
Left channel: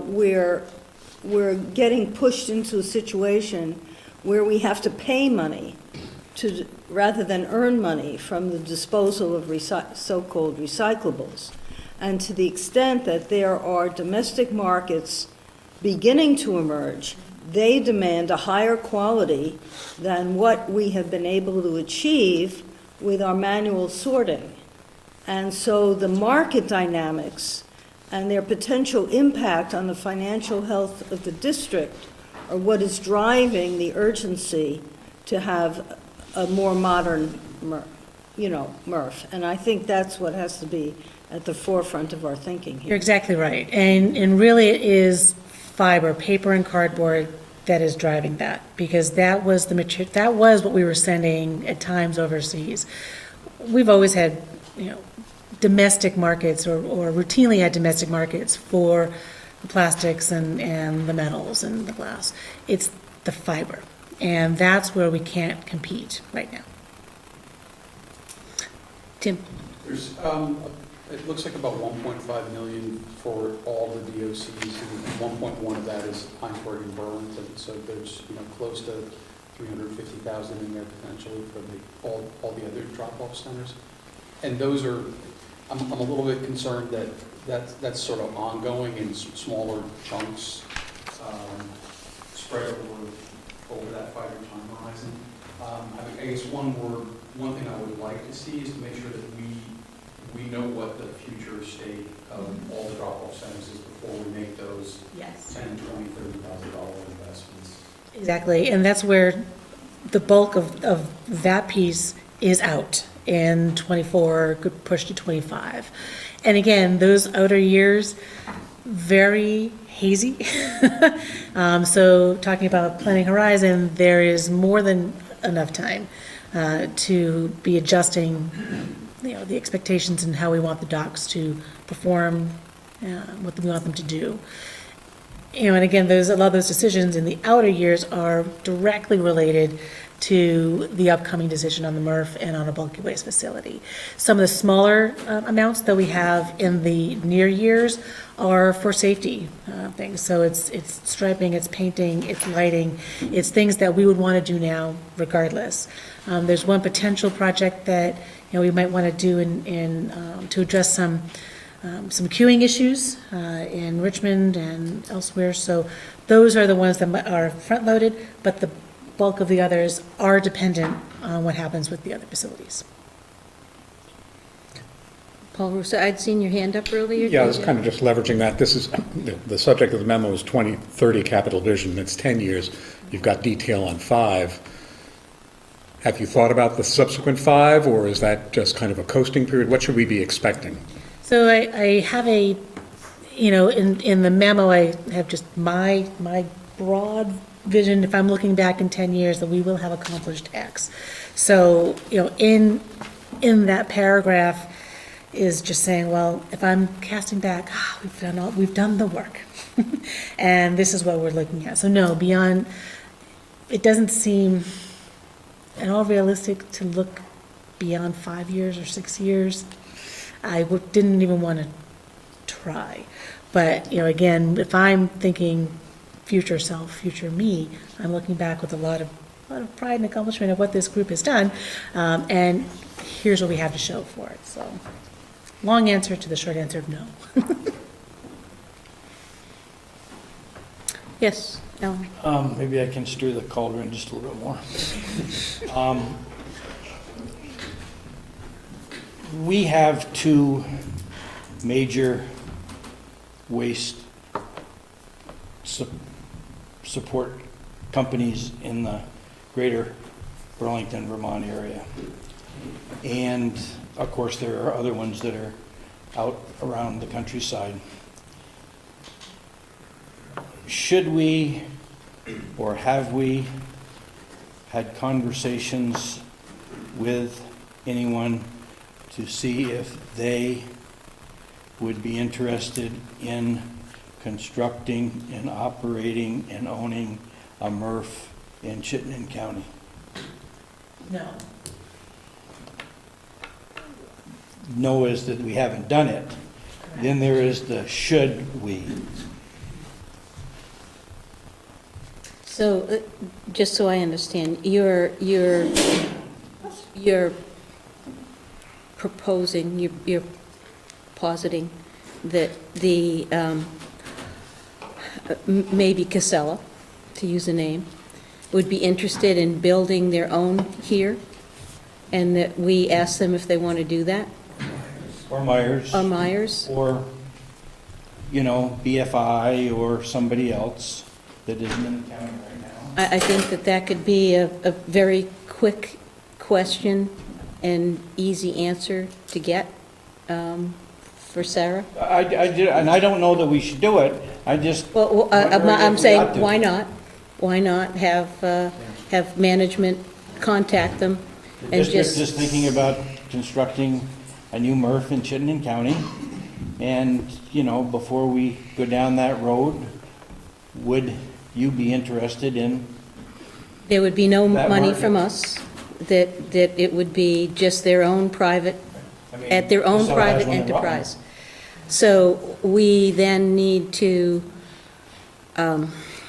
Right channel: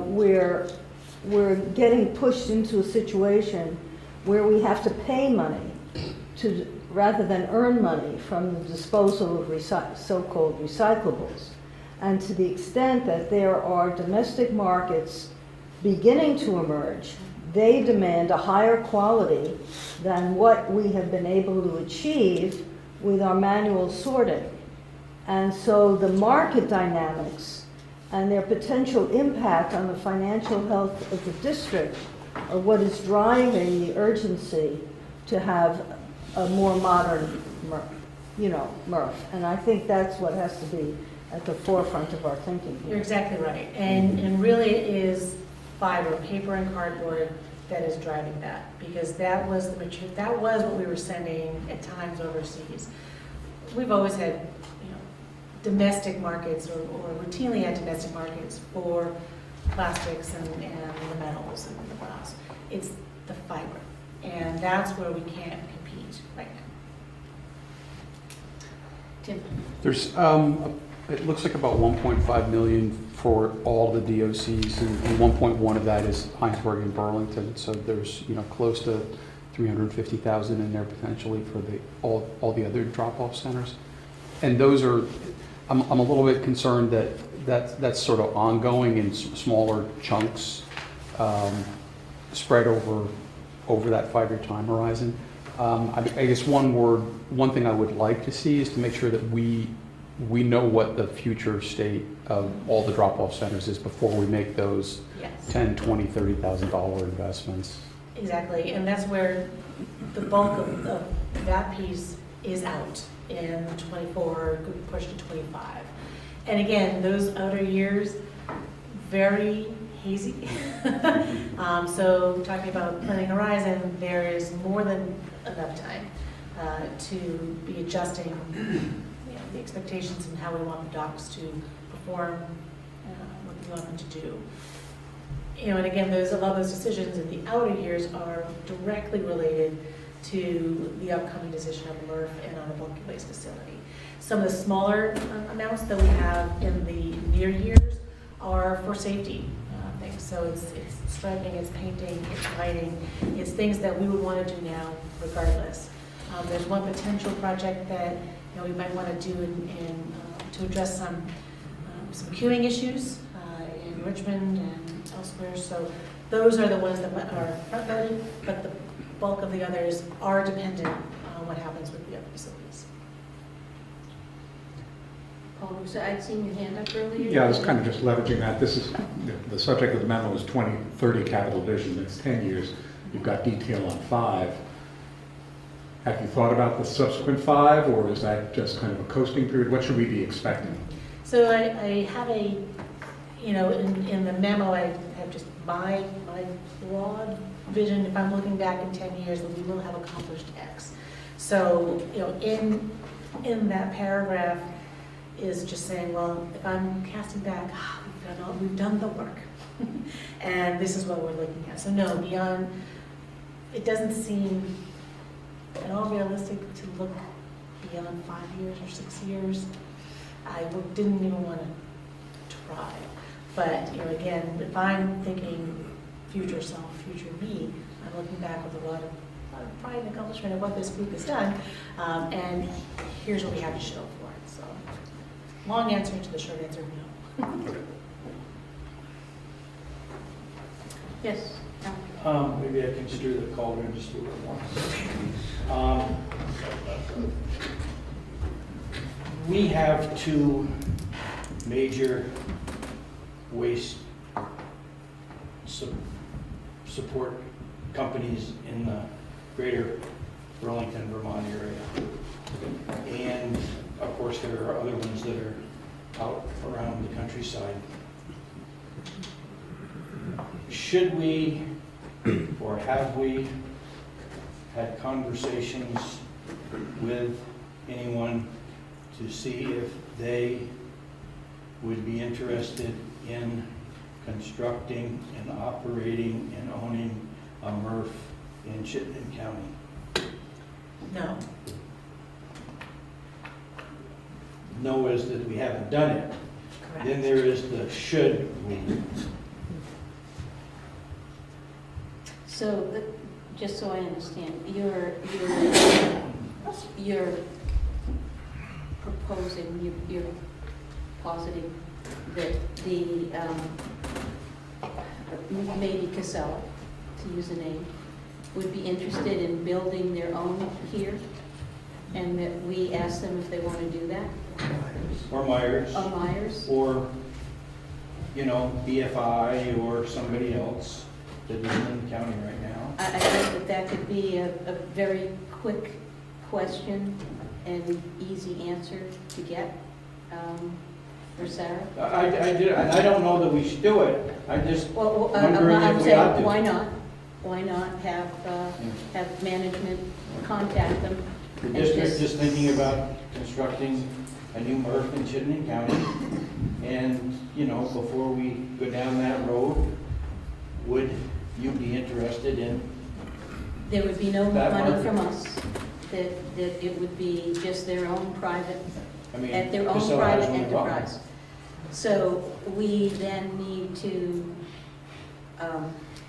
we're getting pushed into a situation where we have to pay money rather than earn money from the disposal of so-called recyclables. And to the extent that there are domestic markets beginning to emerge, they demand a higher quality than what we have been able to achieve with our manual sorting. And so the market dynamics and their potential impact on the financial health of the district are what is driving the urgency to have a more modern MRF. And I think that's what has to be at the forefront of our thinking here. You're exactly right. And really it is fiber, paper and cardboard that is driving that, because that was that was what we were sending at times overseas. We've always had, domestic markets or routinely had domestic markets for plastics and the metals and the glass. It's the fiber. And that's where we can't compete right now. Tim? There's, it looks like about 1.5 million for all the DOCs, and 1.1 of that is Heinsberg and Burlington, so there's, close to 350,000 in there potentially for all the other drop-off centers. And those are, I'm a little bit concerned that's sort of ongoing in smaller chunks, spread over that 5-year time horizon. I guess one thing I would like to see is to make sure that we know what the future state of all the drop-off centers is before we make those Yes. $10,000, $20,000, $30,000 investments. Exactly, and that's where the bulk of that piece is out in '24, good push to '25. And again, those outer years, very hazy. So talking about a planning horizon, there is more than enough time to be adjusting, the expectations and how we want the docks to perform, what we want them to do. And again, a lot of those decisions in the outer years are directly related to the upcoming decision on the MRF and on a bulky waste facility. Some of the smaller amounts that we have in the near years are for safety things. So it's striping, it's painting, it's lighting, it's things that we would want to do now regardless. There's one potential project that we might want to do to address some queuing issues in Richmond and elsewhere. So those are the ones that are front-loaded, but the bulk of the others are dependent on what happens with the other facilities. Paul Russo, I'd seen your hand up earlier. Yeah, I was kind of just leveraging that. This is, the subject of the memo is 2030 capital vision. It's 10 years. You've got detail on 5. Have you thought about the subsequent 5, or is that just kind of a coasting period? What should we be expecting? So I have in the memo, I have just my broad vision, if I'm looking back in 10 years, that we will have accomplished X. So, in that paragraph is just saying, well, if I'm casting back, we've done the work. And this is what we're looking at. So no, beyond, it doesn't seem at all realistic to look beyond 5 years or 6 years. I didn't even want to try. But, again, if I'm thinking future self, future me, I'm looking back with a lot of pride and accomplishment of what this group has done, and here's what we have to show for it. So, long answer to the short answer of no. Yes, Alan. Maybe I can stir the cauldron just a little more. We have 2 major waste support companies in the greater Burlington, Vermont area. And of course, there are other ones that are out around the countryside. Should we, or have we, had conversations with anyone to see if they would be interested in constructing and operating and owning a MRF in Chittenden County? No. No is that we haven't done it. Then there is the should we. So, just so I understand, you're proposing, you're positing that the, maybe Casella, to use a name, would be interested in building their own here, and that we ask them if they want to do that? Or Myers. Or Myers? Or, BFI or somebody else that isn't in the county right now. I think that could be a very quick question and easy answer to get for Sarah. I did, and I don't know that we should do it. I just. Well, wondering I'm if we saying, ought to. why not? Why not have management contact them and Just thinking about constructing a new MRF in Chittenden County. And, before we go down that road, would you be interested in? There would be no That money market. from us, that it would be just their own private, I mean, at their own Casella has private one in Rutland. enterprise. So we then need to,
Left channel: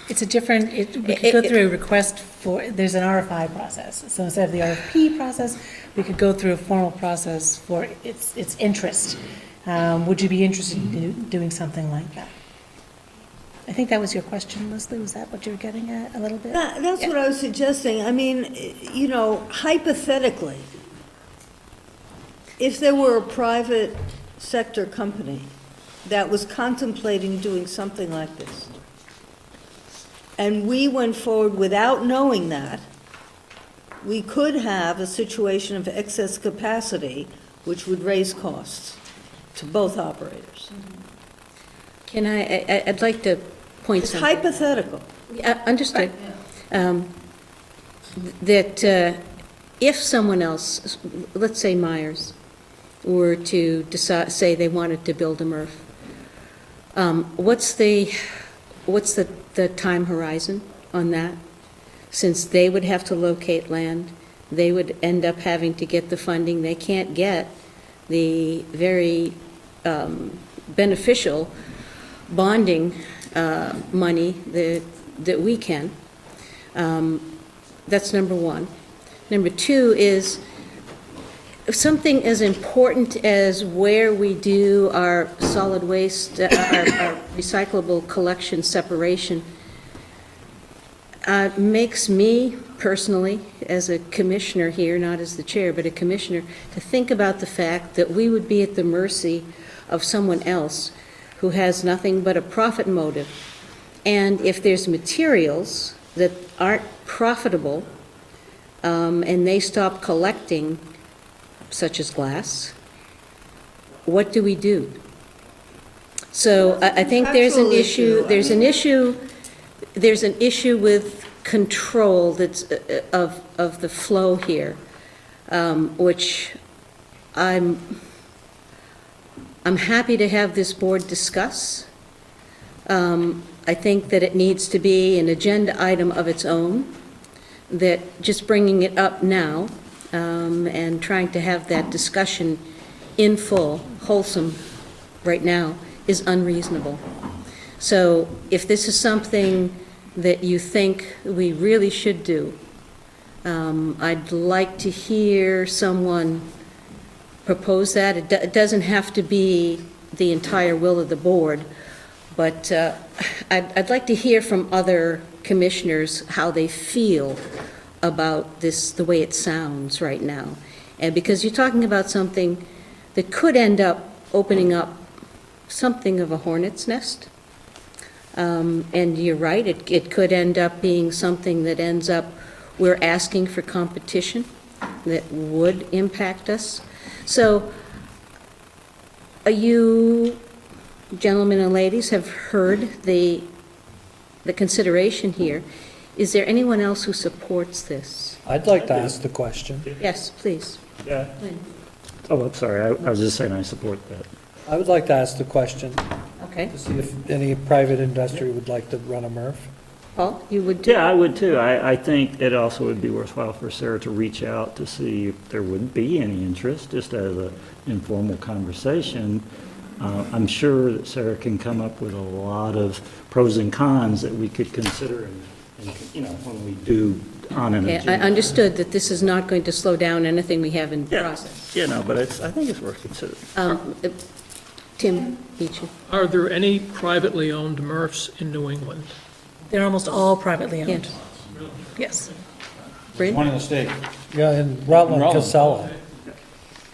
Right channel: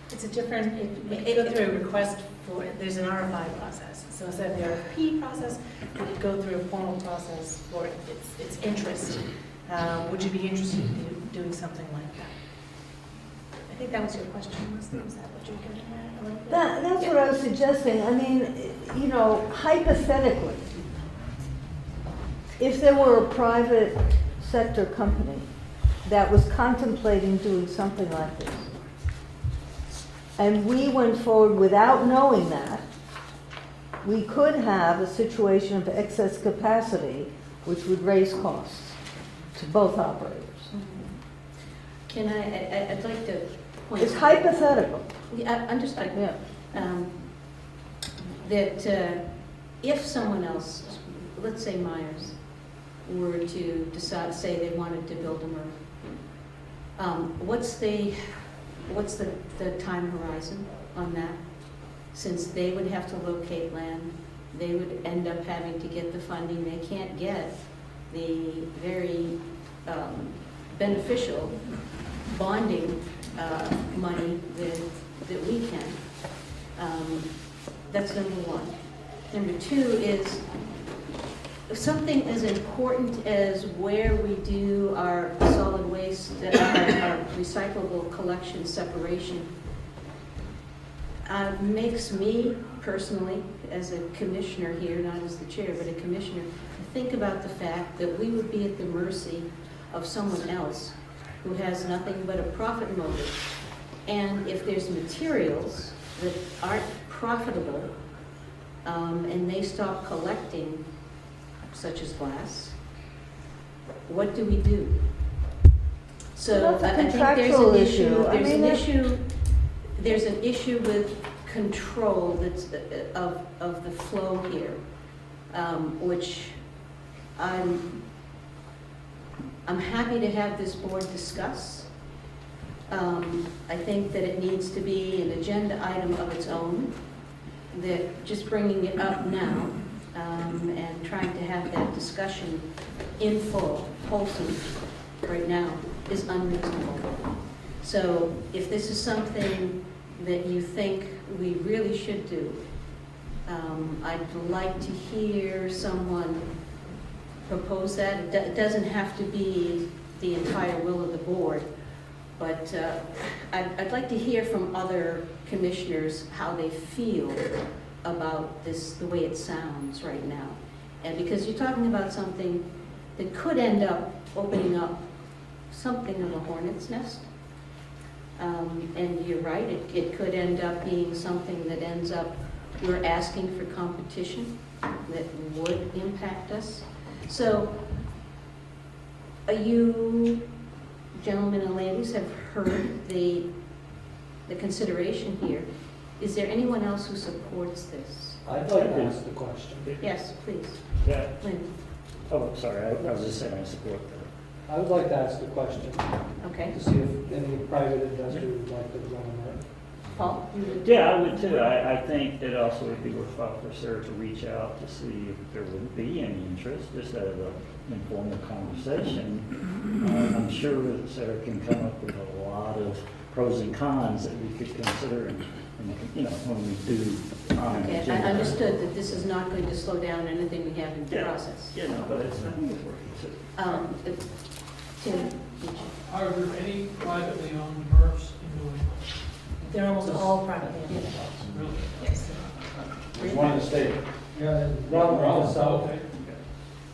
It's a different, we could go through a request for, there's an RFI process. So instead of the RFP process, we could go through a formal process for its interest. Would you be interested in doing something like that? I think that was your question, Leslie, was that what you were getting at a little bit? That's what I was suggesting. I mean, you know, hypothetically, if there were a private sector company that was contemplating doing something like this, and we went forward without knowing that, we could have a situation of excess capacity, which would raise costs to both operators. can I'd like to point It's something. hypothetical. Yeah, understood. Yeah. That if someone else, let's say Myers, were to decide, say they wanted to build a MRF, what's the time horizon on that? Since they would have to locate land, they would end up having to get the funding. They can't get the very beneficial bonding money that we can. That's number one. Number two is something as important as where we do our solid waste, our recyclable collection separation, makes me personally, as a commissioner here, not as the chair, but a commissioner, to think about the fact that we would be at the mercy of someone else who has nothing but a profit motive. And if there's materials that aren't profitable, and they stop collecting, such as glass, what do we do? So That's a I think there's an contractual issue, issue. there's an issue with control that's of the flow here, which I'm happy to have this board discuss. I think that it needs to be an agenda item of its own, that just bringing it up now and trying to have that discussion in full, wholesome, right now, is unreasonable. So if this is something that you think we really should do, I'd like to hear someone propose that. It doesn't have to be the entire will of the board, but I'd like to hear from other commissioners how they feel about this, the way it sounds right now. And because you're talking about something that could end up opening up something of a hornet's nest. And you're right, it could end up being something that ends up, we're asking for competition that would impact us. So you gentlemen and ladies have heard the consideration here. Is there anyone else who supports this? I'd like to ask the question. Yes, please. Yeah. Oh, I'm sorry, I was just saying I support that. I would like to ask the question, Okay. to see if any private industry would like to run a MRF. Paul, you would too? Yeah, I would too. I think it also would be worthwhile for Sarah to reach out to see if there wouldn't be any interest, just as an informal conversation. I'm sure that Sarah can come up with a lot of pros and cons that we could consider, you know, when we do on an I agenda. understood that this is not going to slow down anything we have in the Yeah, process. yeah, no, but I think it's worth considering. Tim Beechey. Are there any privately owned MRFs in New England? They're almost all privately Yeah. owned. Yes. Bryn? One in the state. Yeah, and Rutland, Rutland. Casella.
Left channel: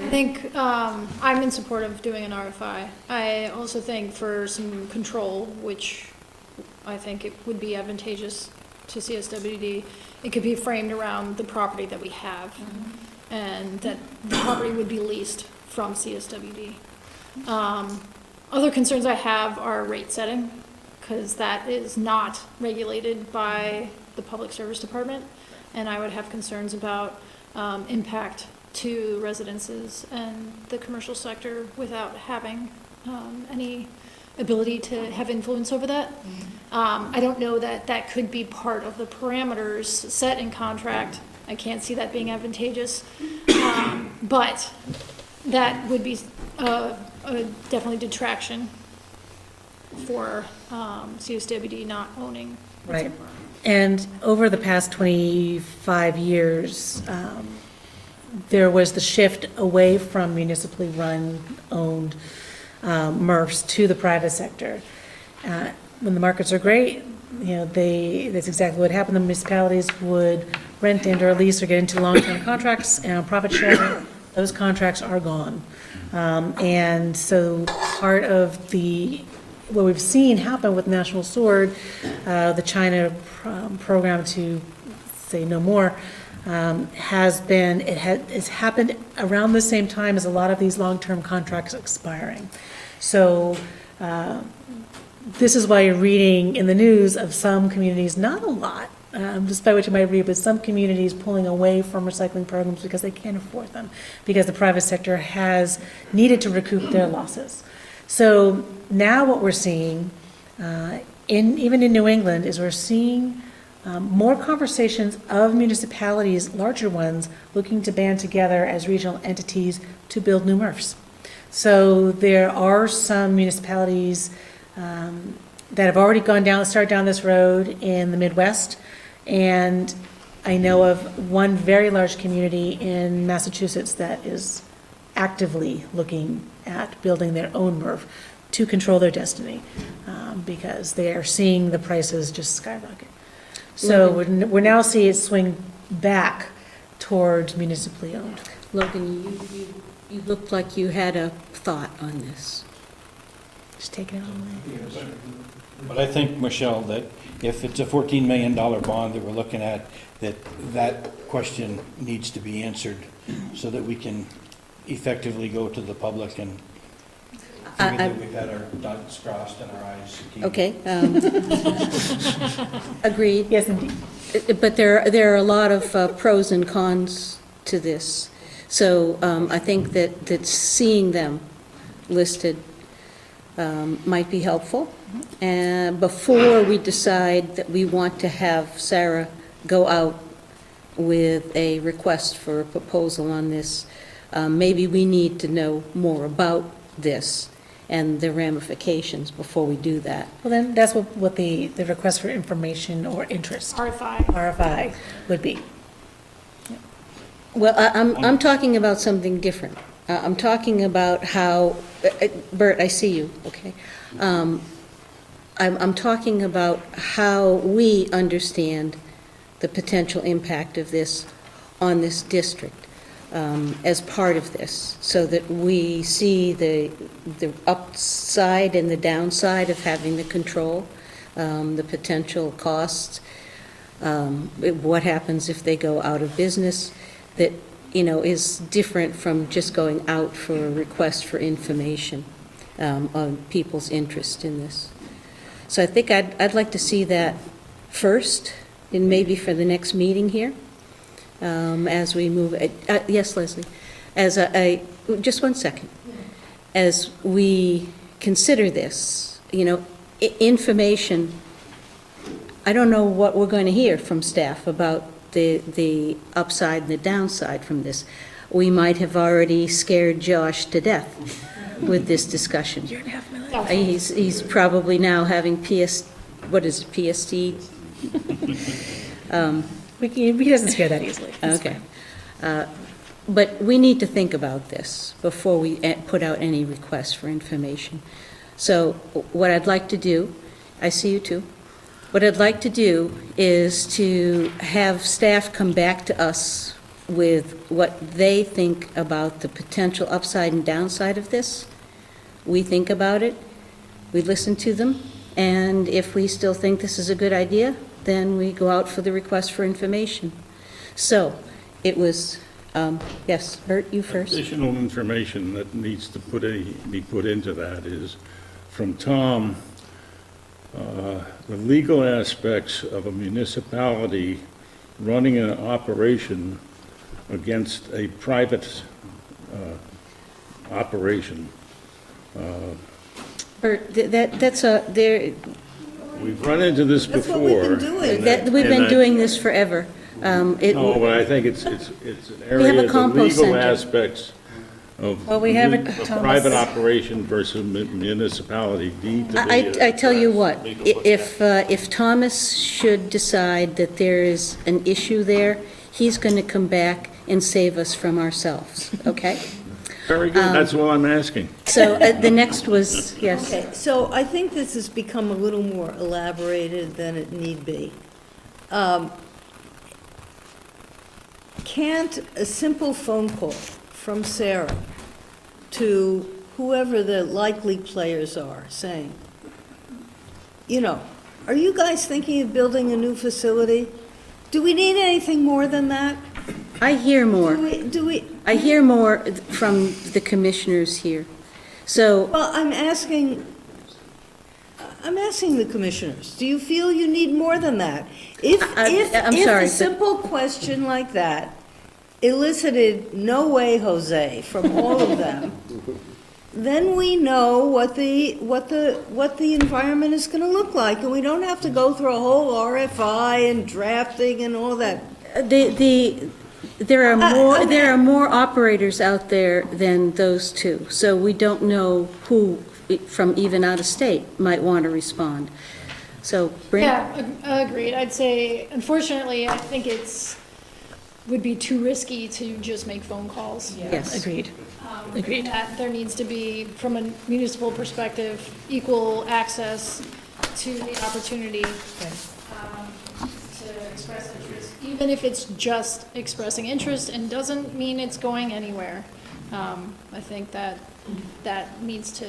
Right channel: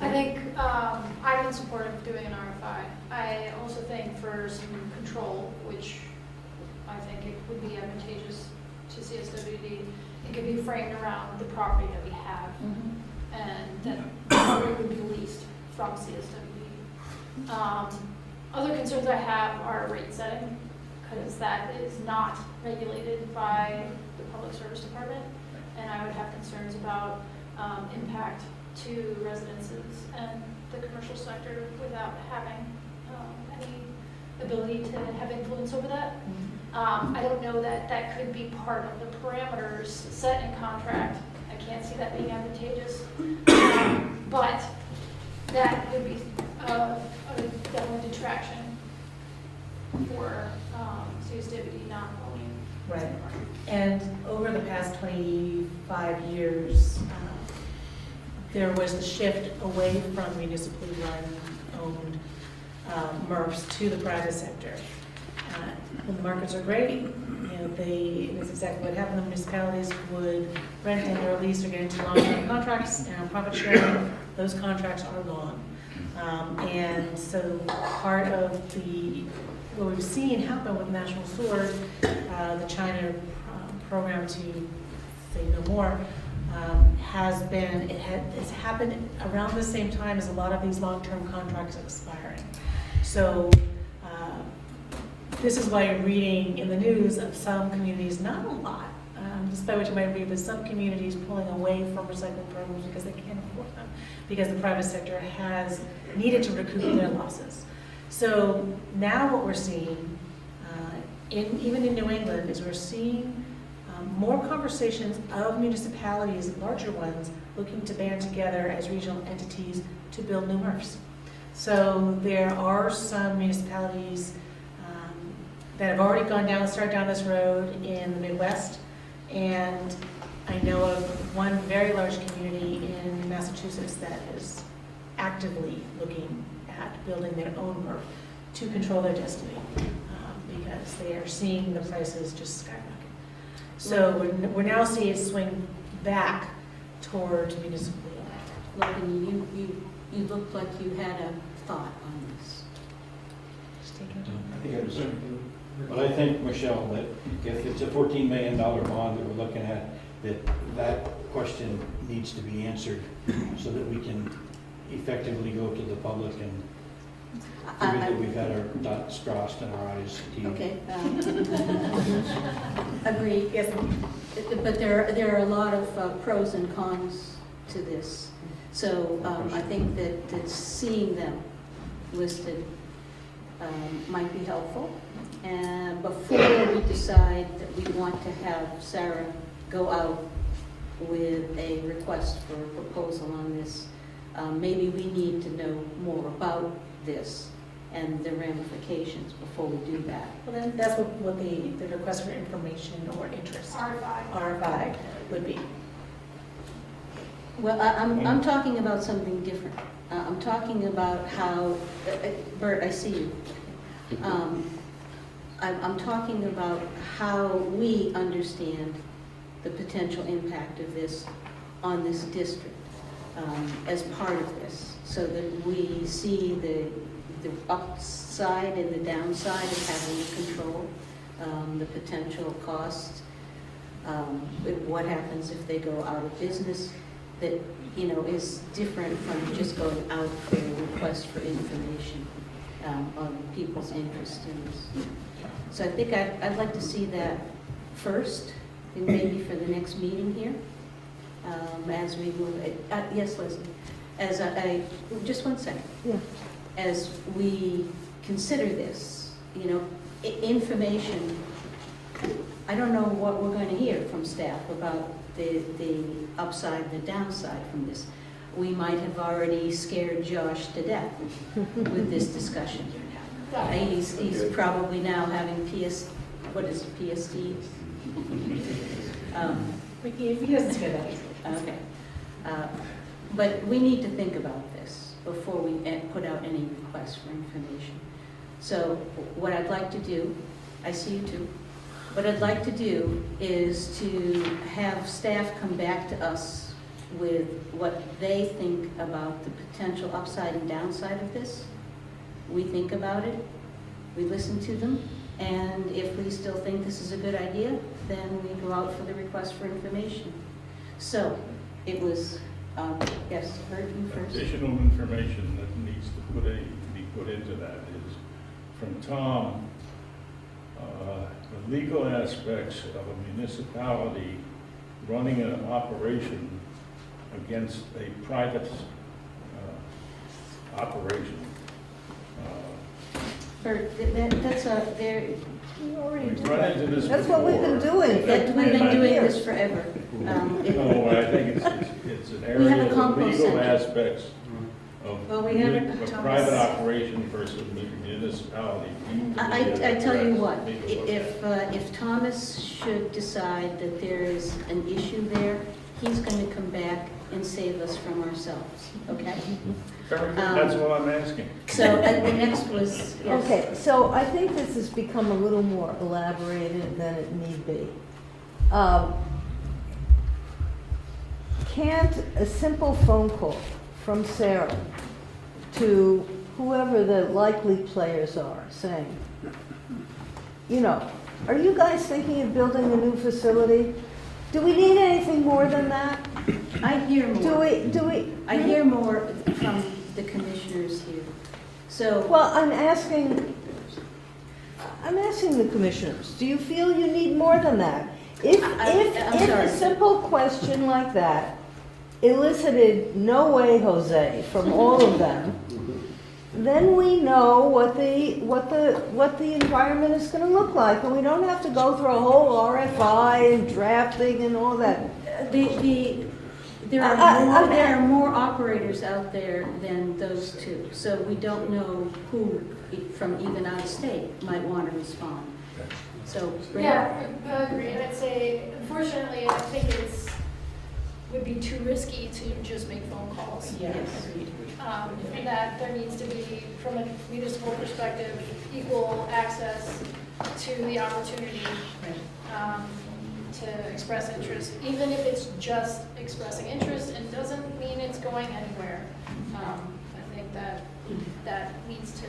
I think I'm in support of doing an RFI. I also think for some control, which I think it would be advantageous to CSWD, it could be framed around the property that we have, and that the property would be leased from CSWD. Other concerns I have are rate setting, because that is not regulated by the Public Service Department, and I would have concerns about impact to residences and the commercial sector without having any ability to have influence over that. I don't know that that could be part of the parameters set in contract. I can't see that being advantageous. But that would be definitely detraction for CSWD not owning. Right. And over the past 25 years, there was the shift away from municipally run, owned MRFs to the private sector. When the markets are great, that's exactly what happened. The municipalities would rent and or lease or get into long-term contracts and profit sharing. Those contracts are gone. And so part of what we've seen happen with National Sword, the China program to say no more, it's happened around the same time as a lot of these long-term contracts expiring. So this is why you're reading in the news of some communities, not a lot, despite what you might read, but some communities pulling away from recycling programs because they can't afford them, because the private sector has needed to recoup their losses. So now what we're seeing, even in New England, is we're seeing more conversations of municipalities, larger ones, looking to band together as regional entities to build new MRFs. So there are some municipalities that have already started down this road in the Midwest, and I know of one very large community in Massachusetts that is actively looking at building their own MRF to control their destiny, because they are seeing the prices just skyrocket. So we're now seeing it swing back towards municipally owned. Logan, you looked like you had a thought on this. Just take it on. But I think, Michelle, that if it's a $14 million bond that we're looking at, that question needs to be answered so that we can effectively go to the public and figure that we've had our dots crossed and our I's T's. Okay. Agreed. Yes, indeed. But there are a lot of pros and cons to this. So I think that seeing them listed might be helpful. And before we decide that we want to have Sarah go out with a request for a proposal on this, maybe we need to know more about this and the ramifications before we do that. Well, then that's what the request for information or interest, RFI, would be. Well, I'm talking about something different. I'm talking about how, Bert, I see you, okay. I'm talking about how we understand the potential impact of this on this district as part of this, so that we see the upside and the downside of having the control, the potential costs, what happens if they go out of business, that, is different from just going out for a request for information on people's interest in this. So I think I'd like to see that first, and maybe for the next meeting here, as we move. Yes, Leslie. Just 1 second. Yeah. As we consider this, information. I don't know what we're going to hear from staff about the upside and the downside from this. We might have already scared Josh to death with this discussion. He's probably now having PST? He doesn't scare that easily. Okay. But we need to think about this before we put out any requests for information. So what I'd like to do, I see you too, what I'd like to do is to have staff come back to us with what they think about the potential upside and downside of this. We think about it, we listen to them, and if we still think this is a good idea, then we go out for the request for information. So it was, yes, Bert, you first. Additional information that needs to be put into that is from Tom, the legal aspects of a municipality running an operation against a private operation. Bert, that's there. We've run into this That's before. what we've been doing. We've been doing this forever. No, but I think it's an area of the compost legal center. aspects Well, we have it, a Thomas. private operation versus municipality need to be. I tell you what, addressed. if Thomas should decide that there is an issue there, he's going to come back and save us from ourselves, okay? Very good, that's all I'm asking. So the next was, yes. Okay, so I think this has become a little more elaborated than it need be. Can't a simple phone call from Sarah to whoever the likely players are saying, you know, are you guys thinking of building a new facility? Do we need anything more than that? I hear more. Do we? I hear more from the commissioners here. So, Well, I'm asking the commissioners, do you feel you need more than that? If I'm if sorry, a but- simple question like that elicited no way, Jose, from all of them, then we know what the environment is gonna look like, and we don't have to go through a whole RFI and drafting and all that. there are more operators out there than those two, so we don't know who from even out of state might want to respond. So, Brent? Yeah, agreed. I'd say, unfortunately, I think would be too risky to just make phone calls. Yes. Agreed. Agreed. That there needs to be, from a municipal perspective, equal access to the opportunity to express interest, even if it's just expressing interest and doesn't mean it's going anywhere. I think that needs to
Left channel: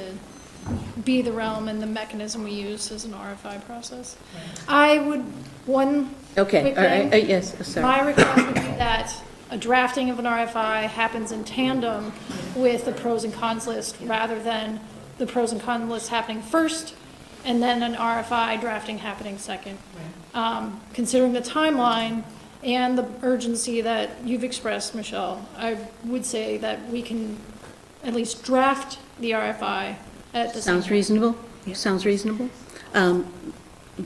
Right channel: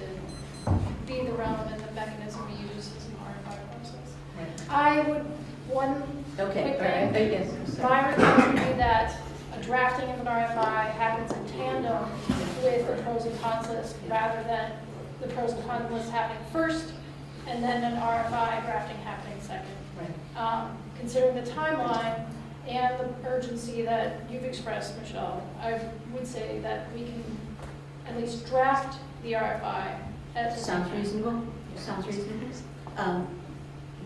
be the realm and the mechanism we use as an RFI process. I would, Okay, quick all right, thing. yes, sorry. My request would be that a drafting of an RFI happens in tandem with the pros and cons list, rather than the pros and cons list happening first, and then an RFI drafting happening second. Considering the timeline and the urgency that you've expressed, Michelle, I would say that we can at least draft the RFI at the same Sounds time. reasonable? Sounds reasonable?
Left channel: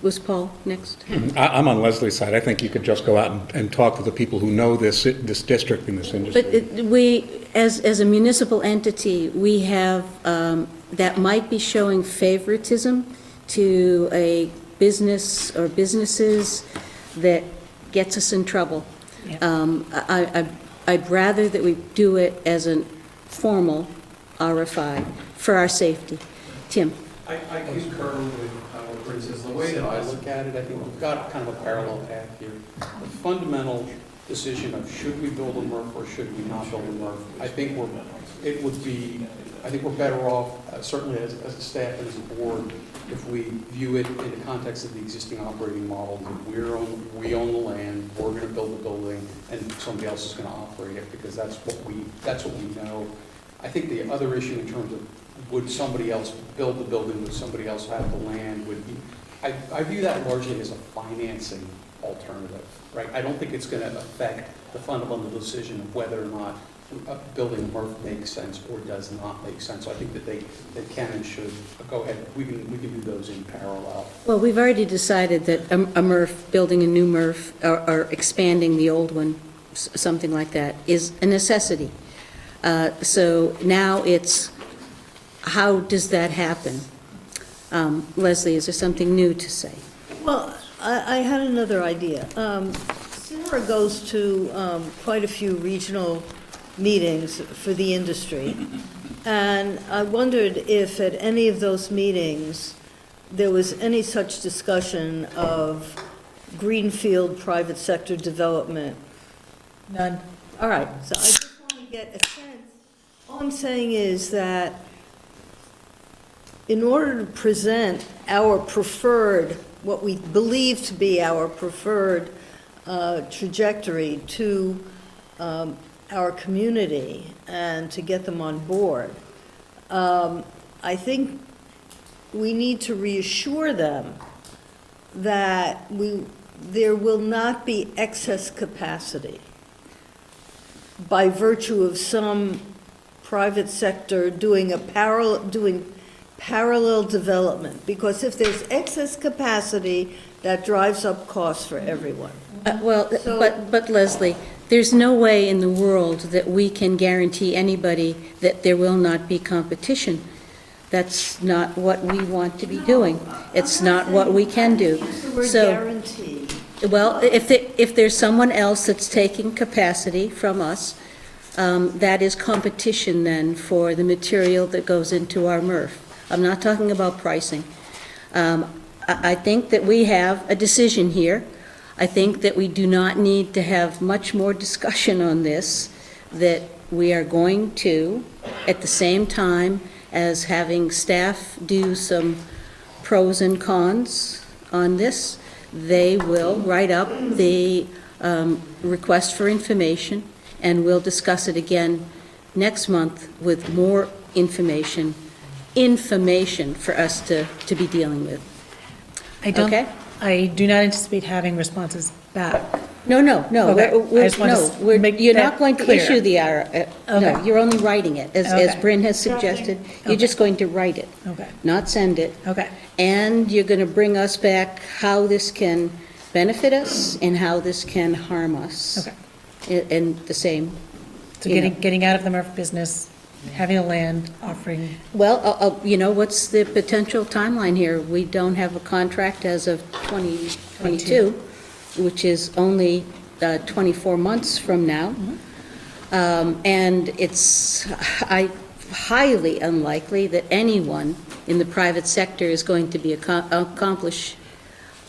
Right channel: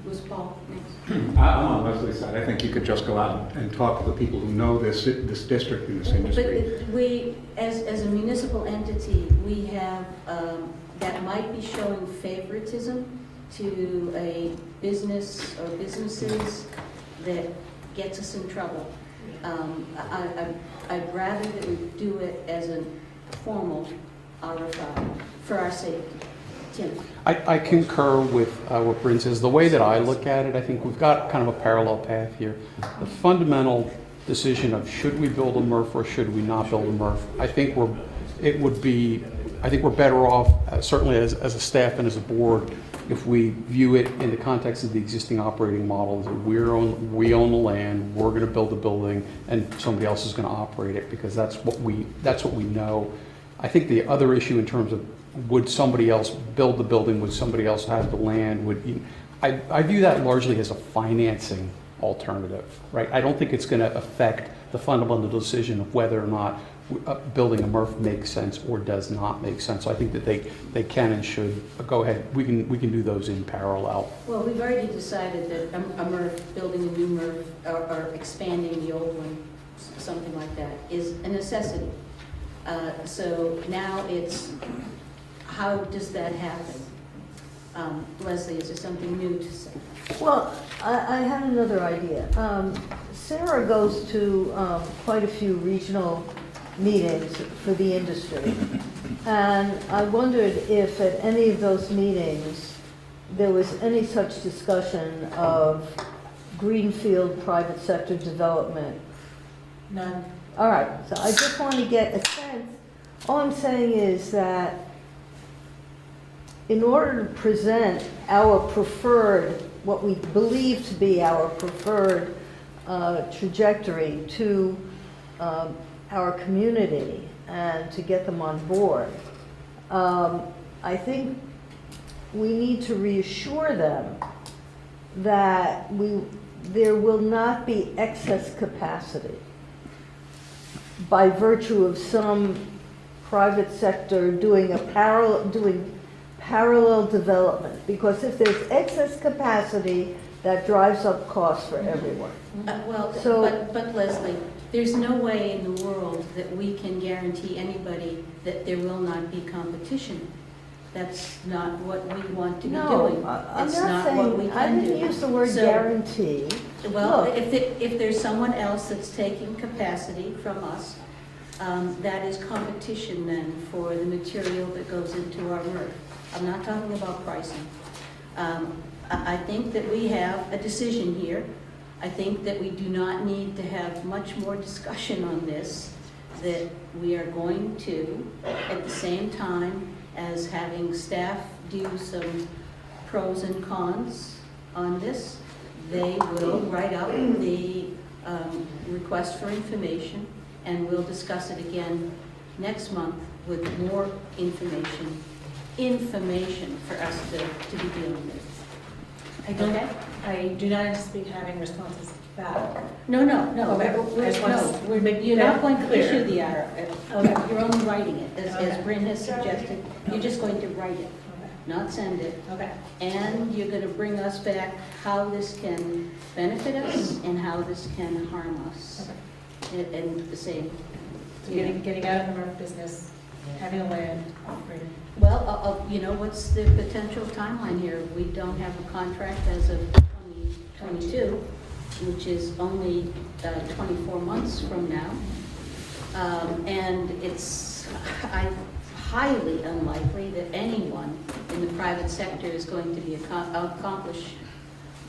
Was Paul next? I'm on Leslie's side. I think you could just go out and talk to the people who know this district and this But industry. we, as a municipal entity, we have, that might be showing favoritism to a business or businesses that gets us in trouble. I'd rather that we do it as a formal RFI for our safety. Tim? I concur with what Bryn says. The way that I look at it, I think we've got kind of a parallel path here. The fundamental decision of should we build a MRF or should we not build a MRF, I think we're better off, certainly as a staff and as a board, if we view it in the context of the existing operating model. We own the land, we're going to build the building, and somebody else is going to operate it, because that's what we know. I think the other issue in terms of would somebody else build the building, would somebody else have the land, I view that largely as a financing alternative, right? I don't think it's going to affect the fundamental decision of whether or not building a MRF makes sense or does not make sense. So I think that they can and should go ahead. We can do those in parallel. Well, we've already decided that a MRF, building a new MRF or expanding the old one, something like that, is a necessity. So now it's, how does that happen? Leslie, is there something new to say? Well, I had another idea. Sarah goes to quite a few regional meetings for the industry, and I wondered if at any of those meetings there was any such discussion of greenfield private sector development. None. All right, so I just want to get a sense. All I'm saying is that in order to present our preferred, what we believe to be our preferred trajectory to our community and to get them on board, I think we need to reassure them that there will not be excess capacity by virtue of some private sector doing parallel development, because if there's excess capacity, that drives up costs for everyone. Well, So- but Leslie, There's no way in the world that we can guarantee anybody that there will not be competition. That's not what we want to be doing. It's not what we can do. I didn't use the word So- guarantee. Well, Look. if there's someone else that's taking capacity from us, that is competition then for the material that goes into our MRF. I'm not talking about pricing. I think that we have a decision here. I think that we do not need to have much more discussion on this, that we are going to, at the same time as having staff do some pros and cons on this, they will write up the request for information, and we'll discuss it again next month with more information for us to be dealing with. I Okay? do not anticipate having responses back. No. Okay. I just wanna make You're that not going to clear. issue the Okay. no, you're only writing it, as Okay. Bryn has suggested. You're Okay. just going to write it, Okay, not send it. okay, And you're going to bring us back how this can benefit us and how this can harm us. okay. And the same. So You know. getting out of the MRF business, having a land, offering, Well, what's the potential timeline here? We don't have a contract as of 2022, which is only 24 months from now. And it's highly unlikely that anyone in the private sector is going to be accomplish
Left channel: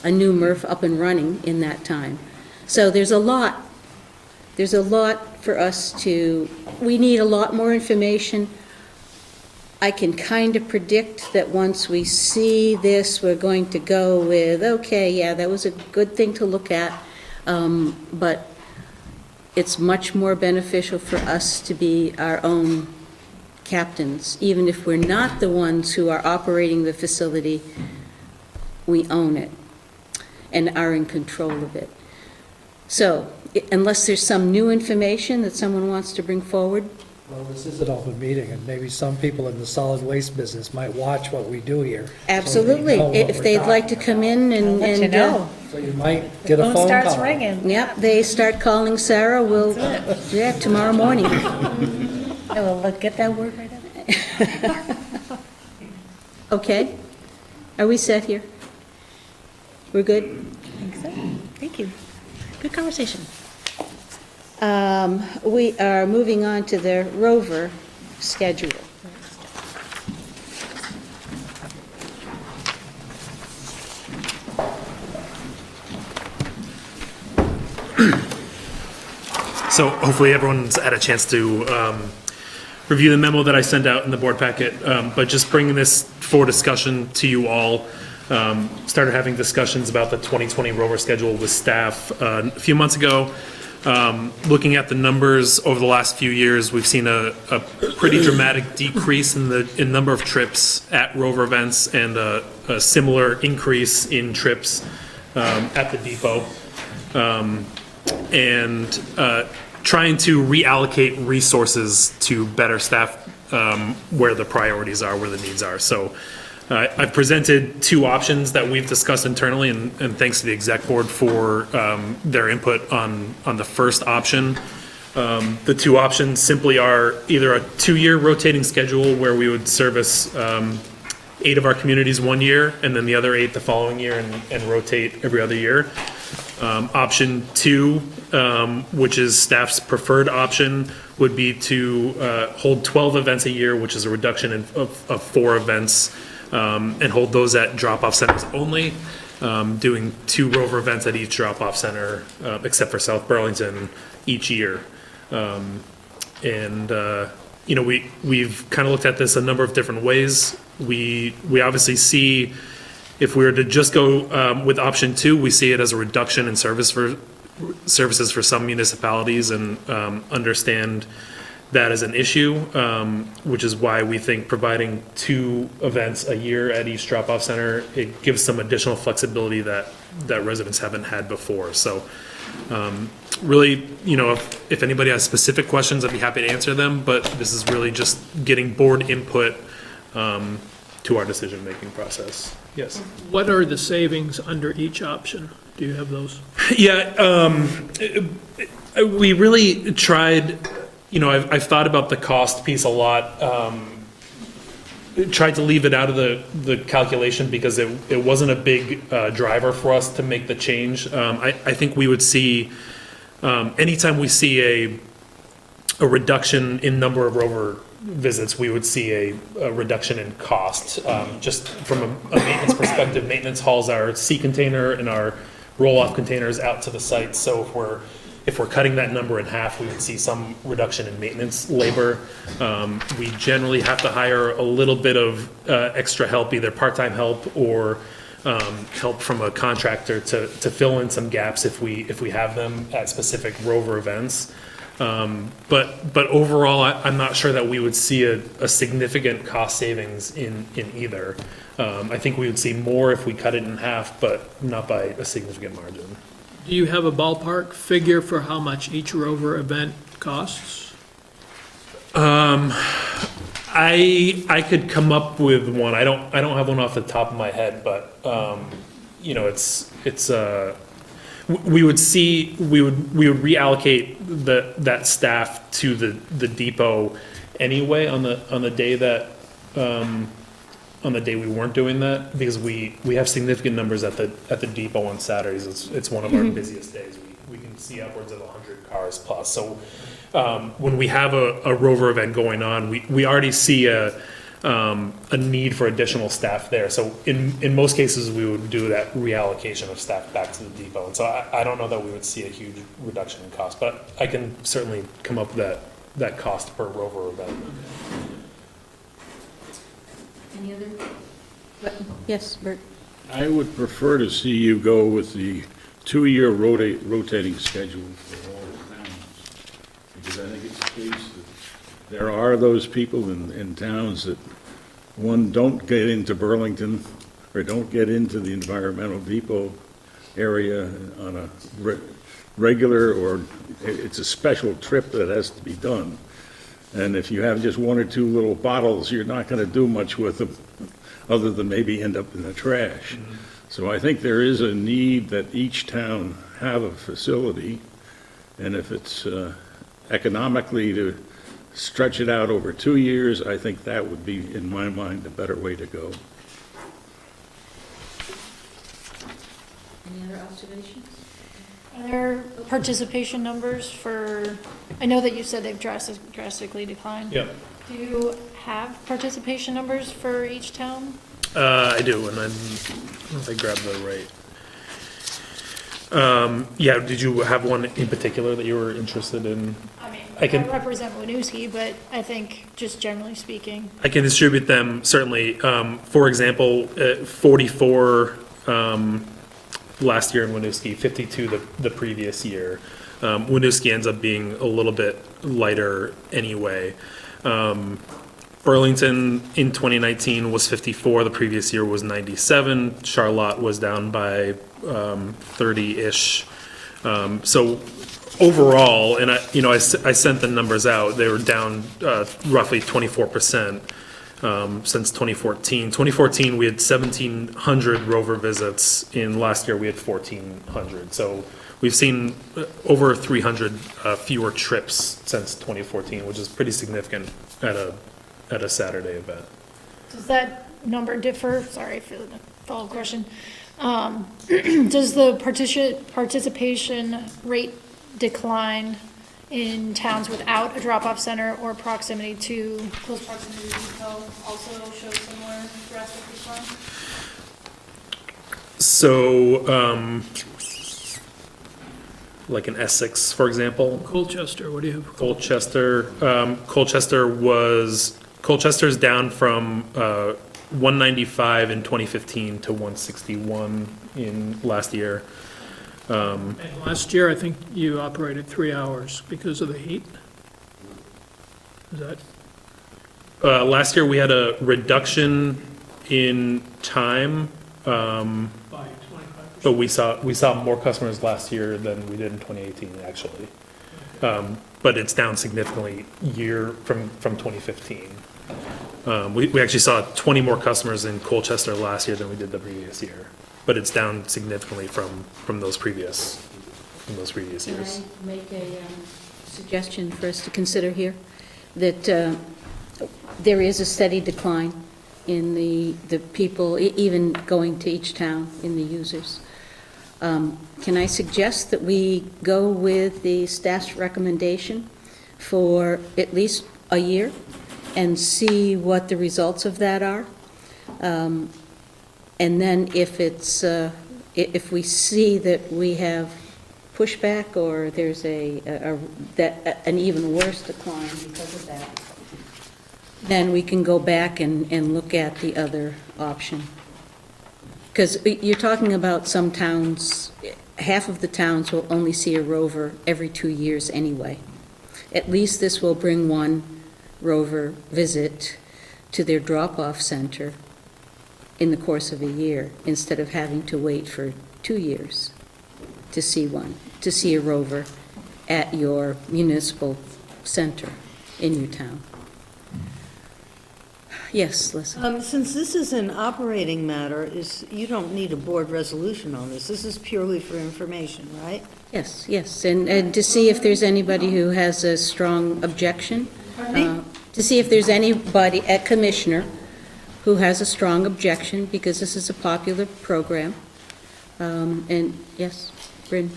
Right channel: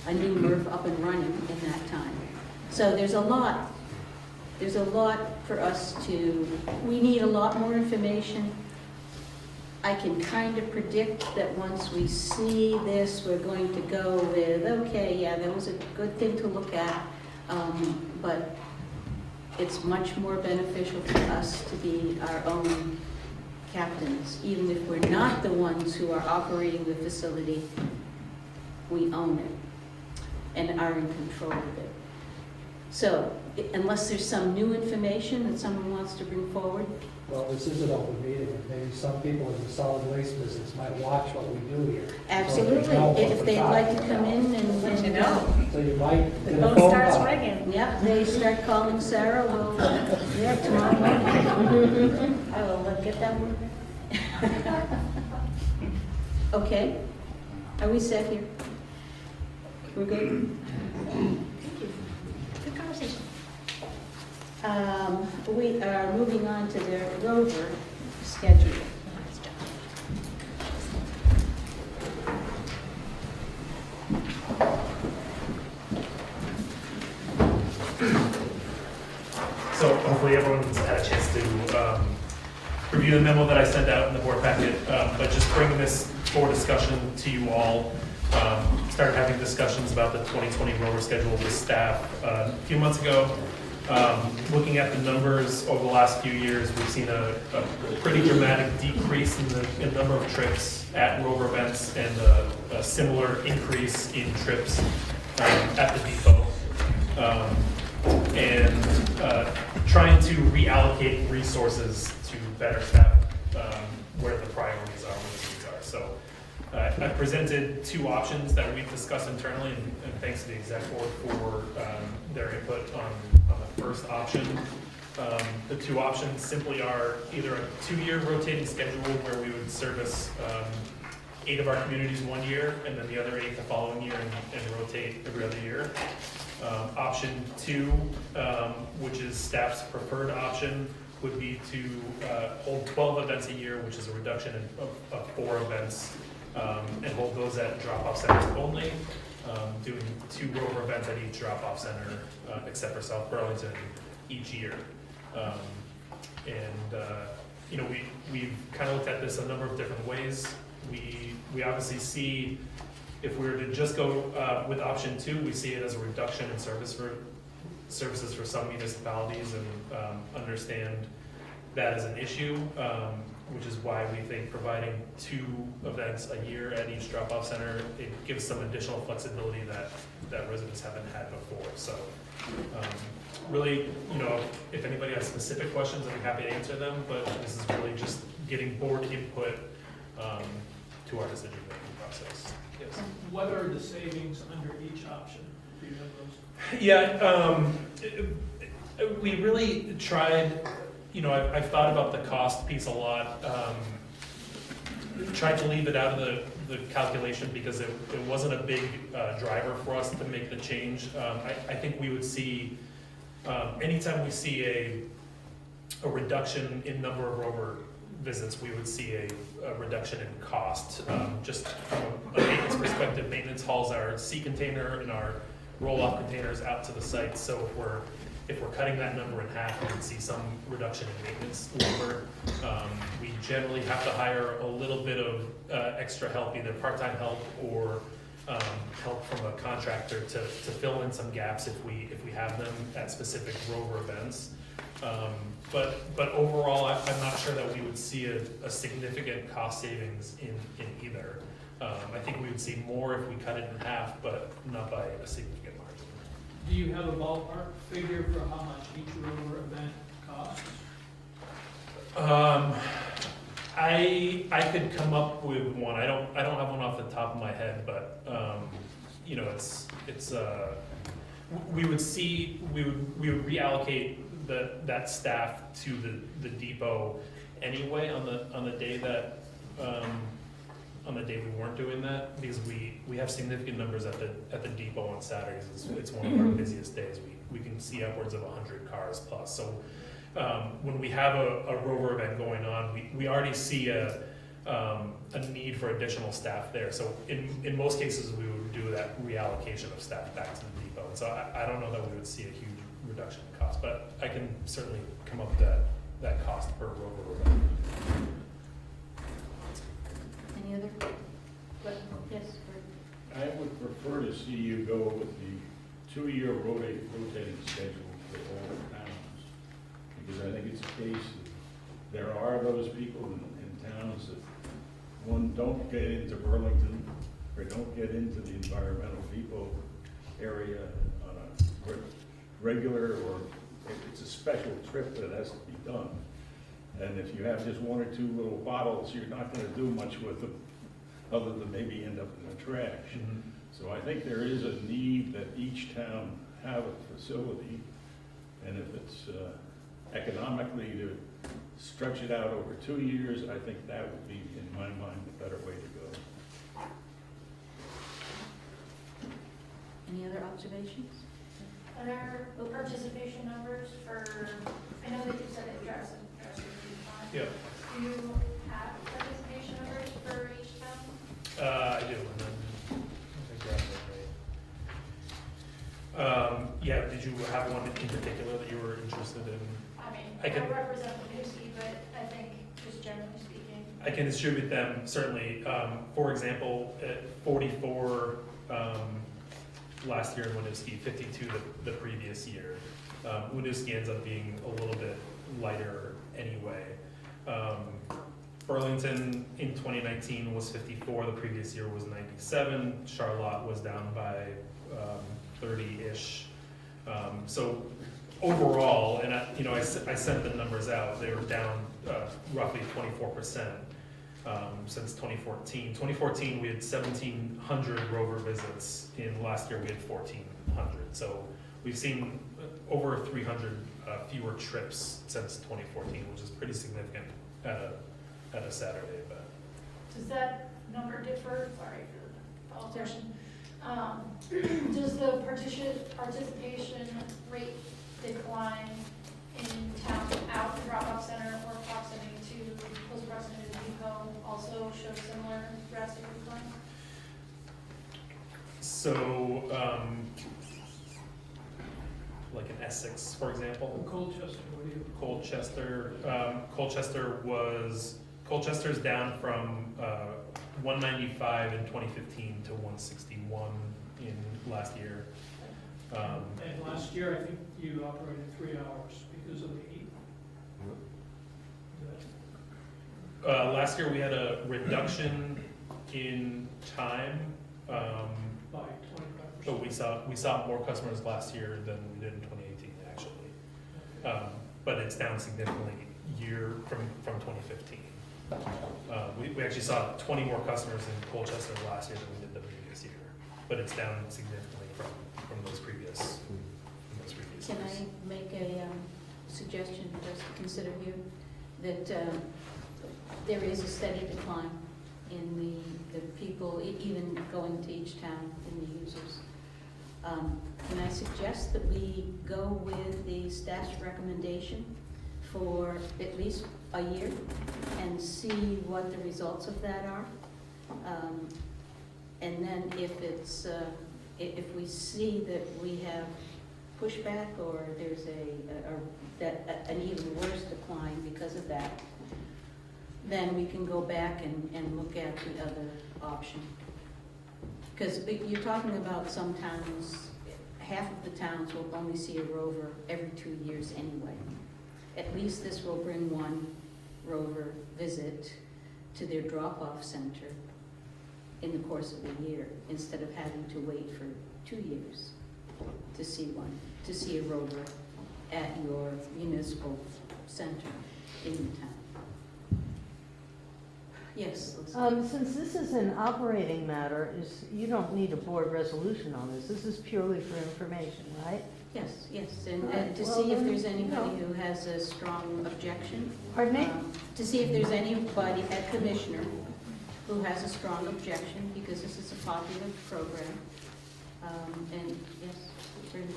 a new MRF up and running in that time. So there's a lot for us to, we need a lot more information. I can kind of predict that once we see this, we're going to go with, okay, yeah, that was a good thing to look at, but it's much more beneficial for us to be our own captains. Even if we're not the ones who are operating the facility, we own it and are in control of it. So, unless there's some new information that someone wants to bring forward, Well, this is an open meeting, and maybe some people in the solid waste business might watch what we do here. absolutely, know what if they'd we're like to talking come in and. let you know. So you might get a Phone phone starts call. ringing. Yep, they start calling Sarah, we'll, yeah, tomorrow morning. I will get that word right out. Okay? Are we set here? We're good? Thank you. Good conversation. We are moving on to the rover schedule. So hopefully everyone's had a chance to review the memo that I sent out in the board packet, but just bringing this for discussion to you all. Started having discussions about the 2020 rover schedule with staff a few months ago. Looking at the numbers over the last few years, we've seen a pretty dramatic decrease in the number of trips at rover events and a similar increase in trips at the depot. And trying to reallocate resources to better staff where the priorities are, where the needs are. So I've presented two options that we've discussed internally, and thanks to the exec board for their input on the first option. The two options simply are either a 2-year rotating schedule where we would service 8 of our communities 1 year, and then the other 8 the following year, and rotate every other year. Option 2, which is staff's preferred option, would be to hold 12 events a year, which is a reduction of 4 events, and hold those at drop-off centers only, doing 2 rover events at each drop-off center, except for South Burlington, each year. We've kind of looked at this a number of different ways. We obviously see, if we were to just go with option 2, we see it as a reduction in services for some municipalities, and understand that as an issue, which is why we think providing 2 events a year at each drop-off center, it gives some additional flexibility that residents haven't had before. So really, if anybody has specific questions, I'd be happy to answer them, but this is really just getting board input to our decision-making process. Yes. What are the savings under each option? Do you have those? Yeah, We really tried, I've thought about the cost piece a lot. Tried to leave it out of the calculation because it wasn't a big driver for us to make the change. I think we would see, anytime we see a reduction in number of rover visits, we would see a reduction in cost. Just from a maintenance perspective, maintenance hauls our sea container and our roll-off containers out to the site. So if we're cutting that number in half, we would see some reduction in maintenance labor. We generally have to hire a little bit of extra help, either part-time help or help from a contractor to fill in some gaps if we have them at specific rover events. But overall, I'm not sure that we would see a significant cost savings in either. I think we would see more if we cut it in half, but not by a significant margin. Do you have a ballpark figure for how much each rover event costs? I could come up with one. I don't have one off the top of my head, but we would reallocate that staff to the depot anyway on the day that on the day we weren't doing that, because we have significant numbers at the depot on Saturdays. It's one of our busiest days. We can see upwards of 100 cars plus. So when we have a rover event going on, we already see a need for additional staff there. So in most cases, we would do that reallocation of staff back to the depot. And so I don't know that we would see a huge reduction in cost, but I can certainly come up with that cost per rover event. Any other? Yes, Bert? I would prefer to see you go with the 2-year rotating schedule for all the towns. Because I think it's the case that there are those people in towns that, one, don't get into Burlington or don't get into the environmental depot area on a regular, or it's a special trip that has to be done. And if you have just 1 or 2 little bottles, you're not going to do much with them other than maybe end up in the trash. Mm-hmm. So I think there is a need that each town have a facility, and if it's economically to stretch it out over 2 years, I think that would be, in my mind, a better way to go. Any other observations? Are there participation numbers for, I know that you said they've drastically declined. Yep. Do you have participation numbers for each town? I do, and I don't know if I grabbed the right. Yeah, did you have one in particular that you were interested in? I mean, I can- I represent Winooski, but I think just generally speaking. I can distribute them, certainly. For example, 44 last year in Winooski, 52 the previous year. Winooski ends up being a little bit lighter anyway. Burlington in 2019 was 54, the previous year was 97. Charlotte was down by 30-ish. So overall, and I sent the numbers out, they were down roughly 24% since 2014. 2014, we had 1,700 rover visits. In last year, we had 1,400. So we've seen over 300 fewer trips since 2014, which is pretty significant at a Saturday event. Does that number differ? Sorry for the follow-up question. Does the participation rate decline in towns without a drop-off center or close proximity to the depot also show similar drastic decline? So, like in Essex, for example, Colchester, what do you have? Colchester's down from 195 in 2015 to 161 in last year. And last year, I think you operated 3 hours because of the heat. Is that? Last year, we had a reduction in time, By 25%. but we saw more customers last year than we did in 2018, actually. But it's down significantly from 2015. We actually saw 20 more customers in Colchester last year than we did the previous year, but it's down significantly from those previous in those previous Can years. I make a suggestion for us to consider here? That there is a steady decline in the people, even going to each town, in the users. Can I suggest that we go with the staff's recommendation for at least a year and see what the results of that are? And then if it's, if we see that we have pushback or there's an even worse decline because of that, then we can go back and look at the other option. Because you're talking about some towns, half of the towns will only see a rover every 2 years anyway. At least this will bring one rover visit to their drop-off center in the course of a year, instead of having to wait for 2 years to see a rover at your municipal center in your town. Yes, Leslie? Since this is an operating matter, you don't need a board resolution on this. This is purely for information, right? Yes, yes, and to see if there's anybody who has a strong objection. To see if there's anybody, a commissioner, who has a strong objection, because this is a popular program. And, yes, Bryn?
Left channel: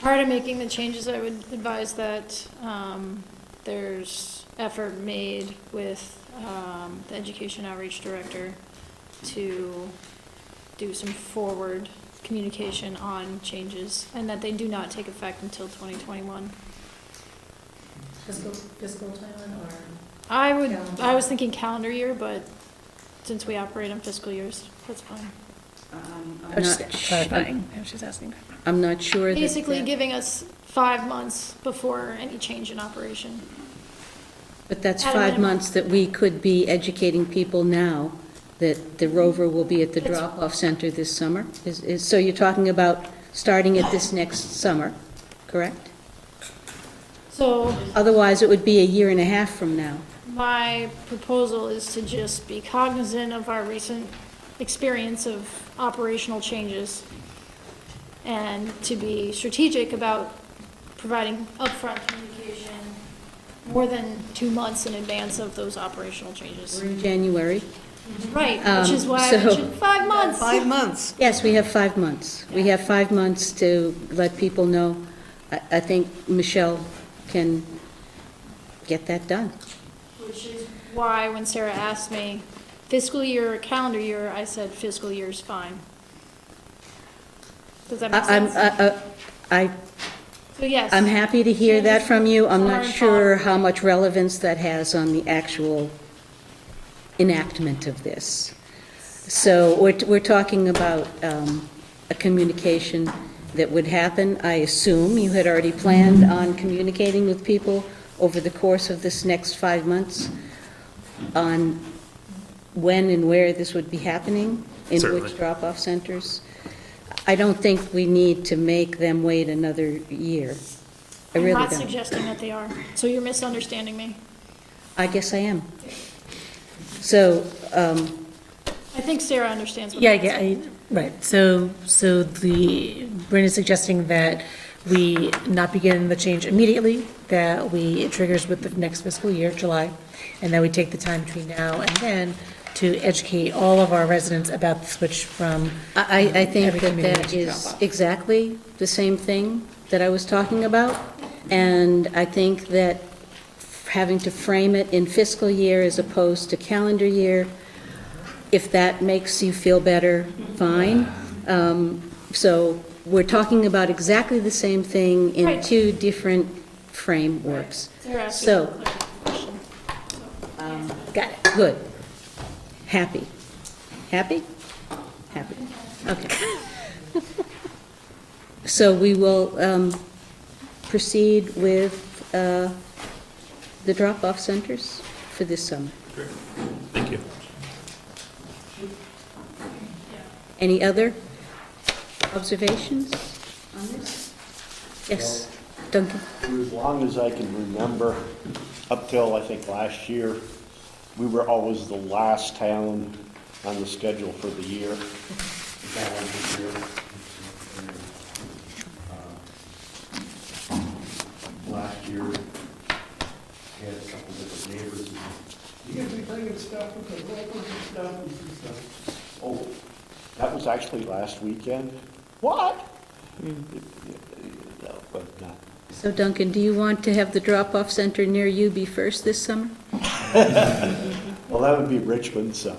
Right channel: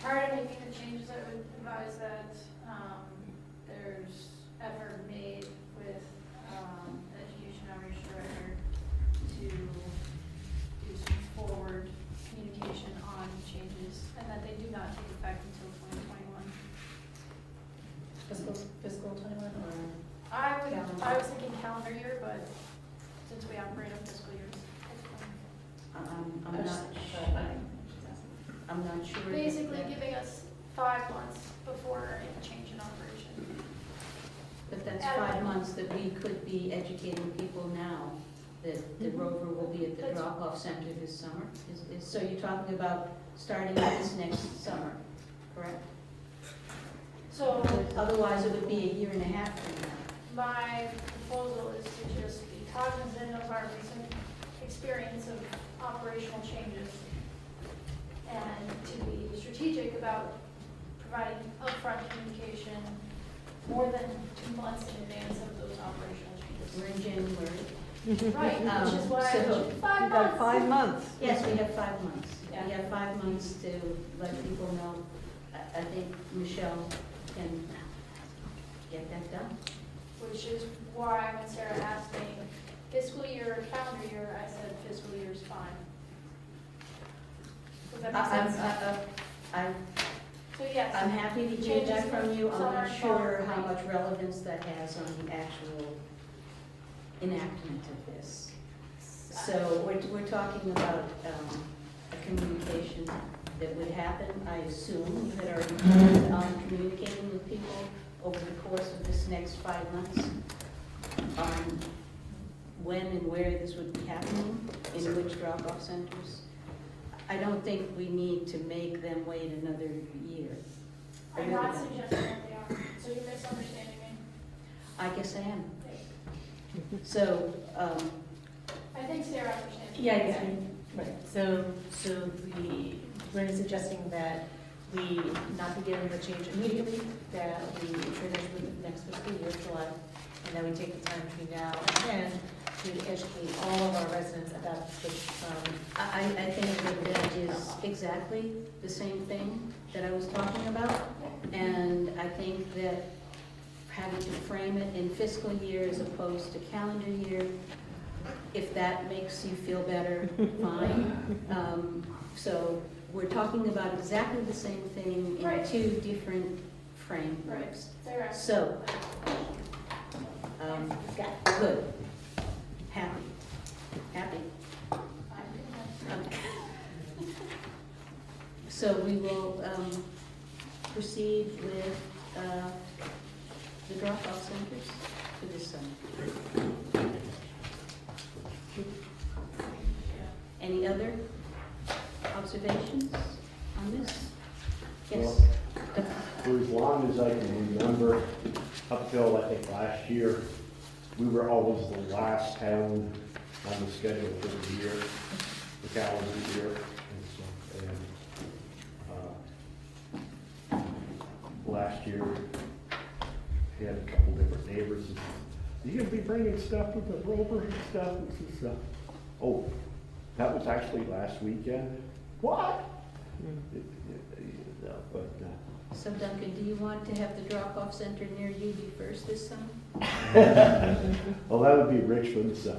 Prior to making the changes, I would advise that there's effort made with the Education Outreach Director to do some forward communication on changes, and that they do not take effect until 2021. Fiscal timeline or? I was thinking calendar year, but since we operate on fiscal years, that's fine. I'm not Clarifying, she's asking. I'm not sure that. Basically giving us 5 months before any change in operation. But that's At a 5 minimum. months that we could be educating people now that the rover will be at the That's- drop-off center this summer? So you're talking about starting it this next summer, correct? So Otherwise, it would be a year and a half from now. my proposal is to just be cognizant of our recent experience of operational changes and to be strategic about providing upfront communication more than 2 months in advance of those operational changes. We're in January. Right, which is why I So- mentioned 5 months. 5 months. Yes, we have 5 months. We have 5 months to let people know. I think Michelle can get that done. Which is why when Sarah asked me fiscal year or calendar year, I said fiscal year is fine. Does that make sense? So yes. I'm happy to hear that from you. I'm not Changes sure are how much relevance that has on the actual enactment of this. So we're talking about a communication that would happen. I assume you had already planned on communicating with people over the course of this next 5 months on when and where this would be happening, in Certainly. which drop-off centers. I don't think we need to make them wait another year. I I'm really not don't. suggesting that they are, so you're misunderstanding me. I guess I am. So, I think Sarah understands what Yeah, I'm saying. right, so Bryn is suggesting that we not begin the change immediately, that it triggers with the next fiscal year, July, and that we take the time between now and then to educate all of our residents about the switch from. I think Every that community that to is drop off. exactly the same thing that I was talking about. And I think that having to frame it in fiscal year as opposed to calendar year, if that makes you feel better, fine. So we're talking about exactly the same thing in Right. 2 different frameworks. Sarah asked me So- a question. Got it, good. Happy. Happy? Happy, okay. So we will proceed with the drop-off centers for this summer. Thank you. Any other observations on this? Yes, Duncan? For as long as I can remember, up till I think last year, we were always the last town on the schedule for the year, the calendar year. last year, we had a couple different neighbors. You gonna be bringing stuff with the rovers and stuff? And stuff? Oh, that was actually last weekend. What? No, but, So Duncan, do you want to have the drop-off center near you be first this summer? well, that would be Richmond, so.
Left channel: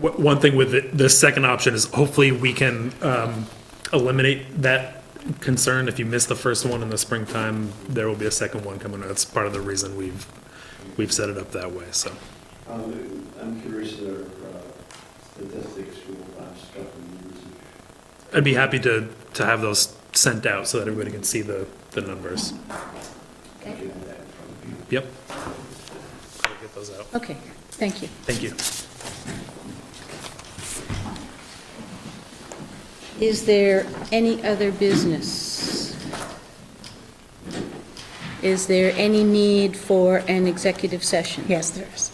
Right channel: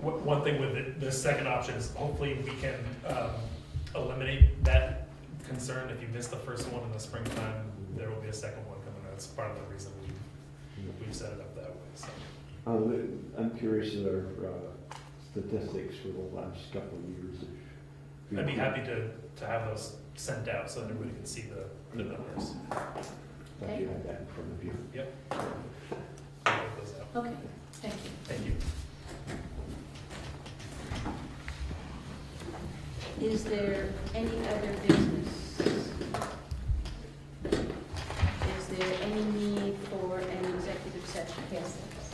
One thing with the second option is hopefully we can eliminate that concern. If you miss the first one in the springtime, there will be a second one coming. That's part of the reason we've set it up that way, so. I'm curious of their statistics for the last couple of years. I'd be happy to have those sent out so that everybody can see the numbers. Thank you. Have that in front of you. Yep. I'll get those out. Okay, thank you. Thank you. Is there any other business? Is there any need for an executive session? Yes, there is.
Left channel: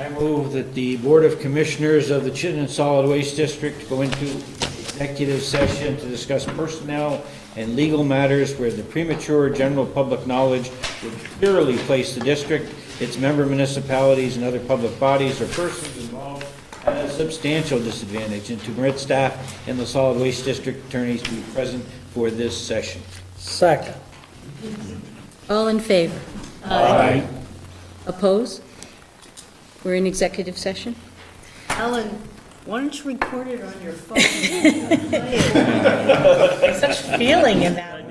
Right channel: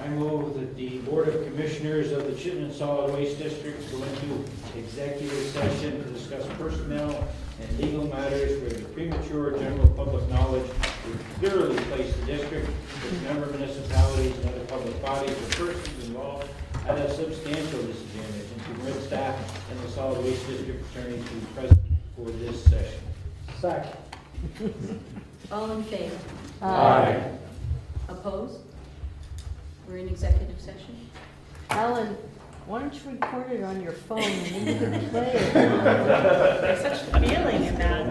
I move that the Board of Commissioners of the Chittenden Solid Waste District go into executive session to discuss personnel and legal matters where the premature general public knowledge would clearly place the district, its member municipalities, and other public bodies or persons involved at a substantial disadvantage, and to permit staff and the solid waste district attorneys to be present for this session. Second. All in favor? Aye. Oppose? We're in executive session? Ellen, why don't you record it on your phone? There's such feeling in that.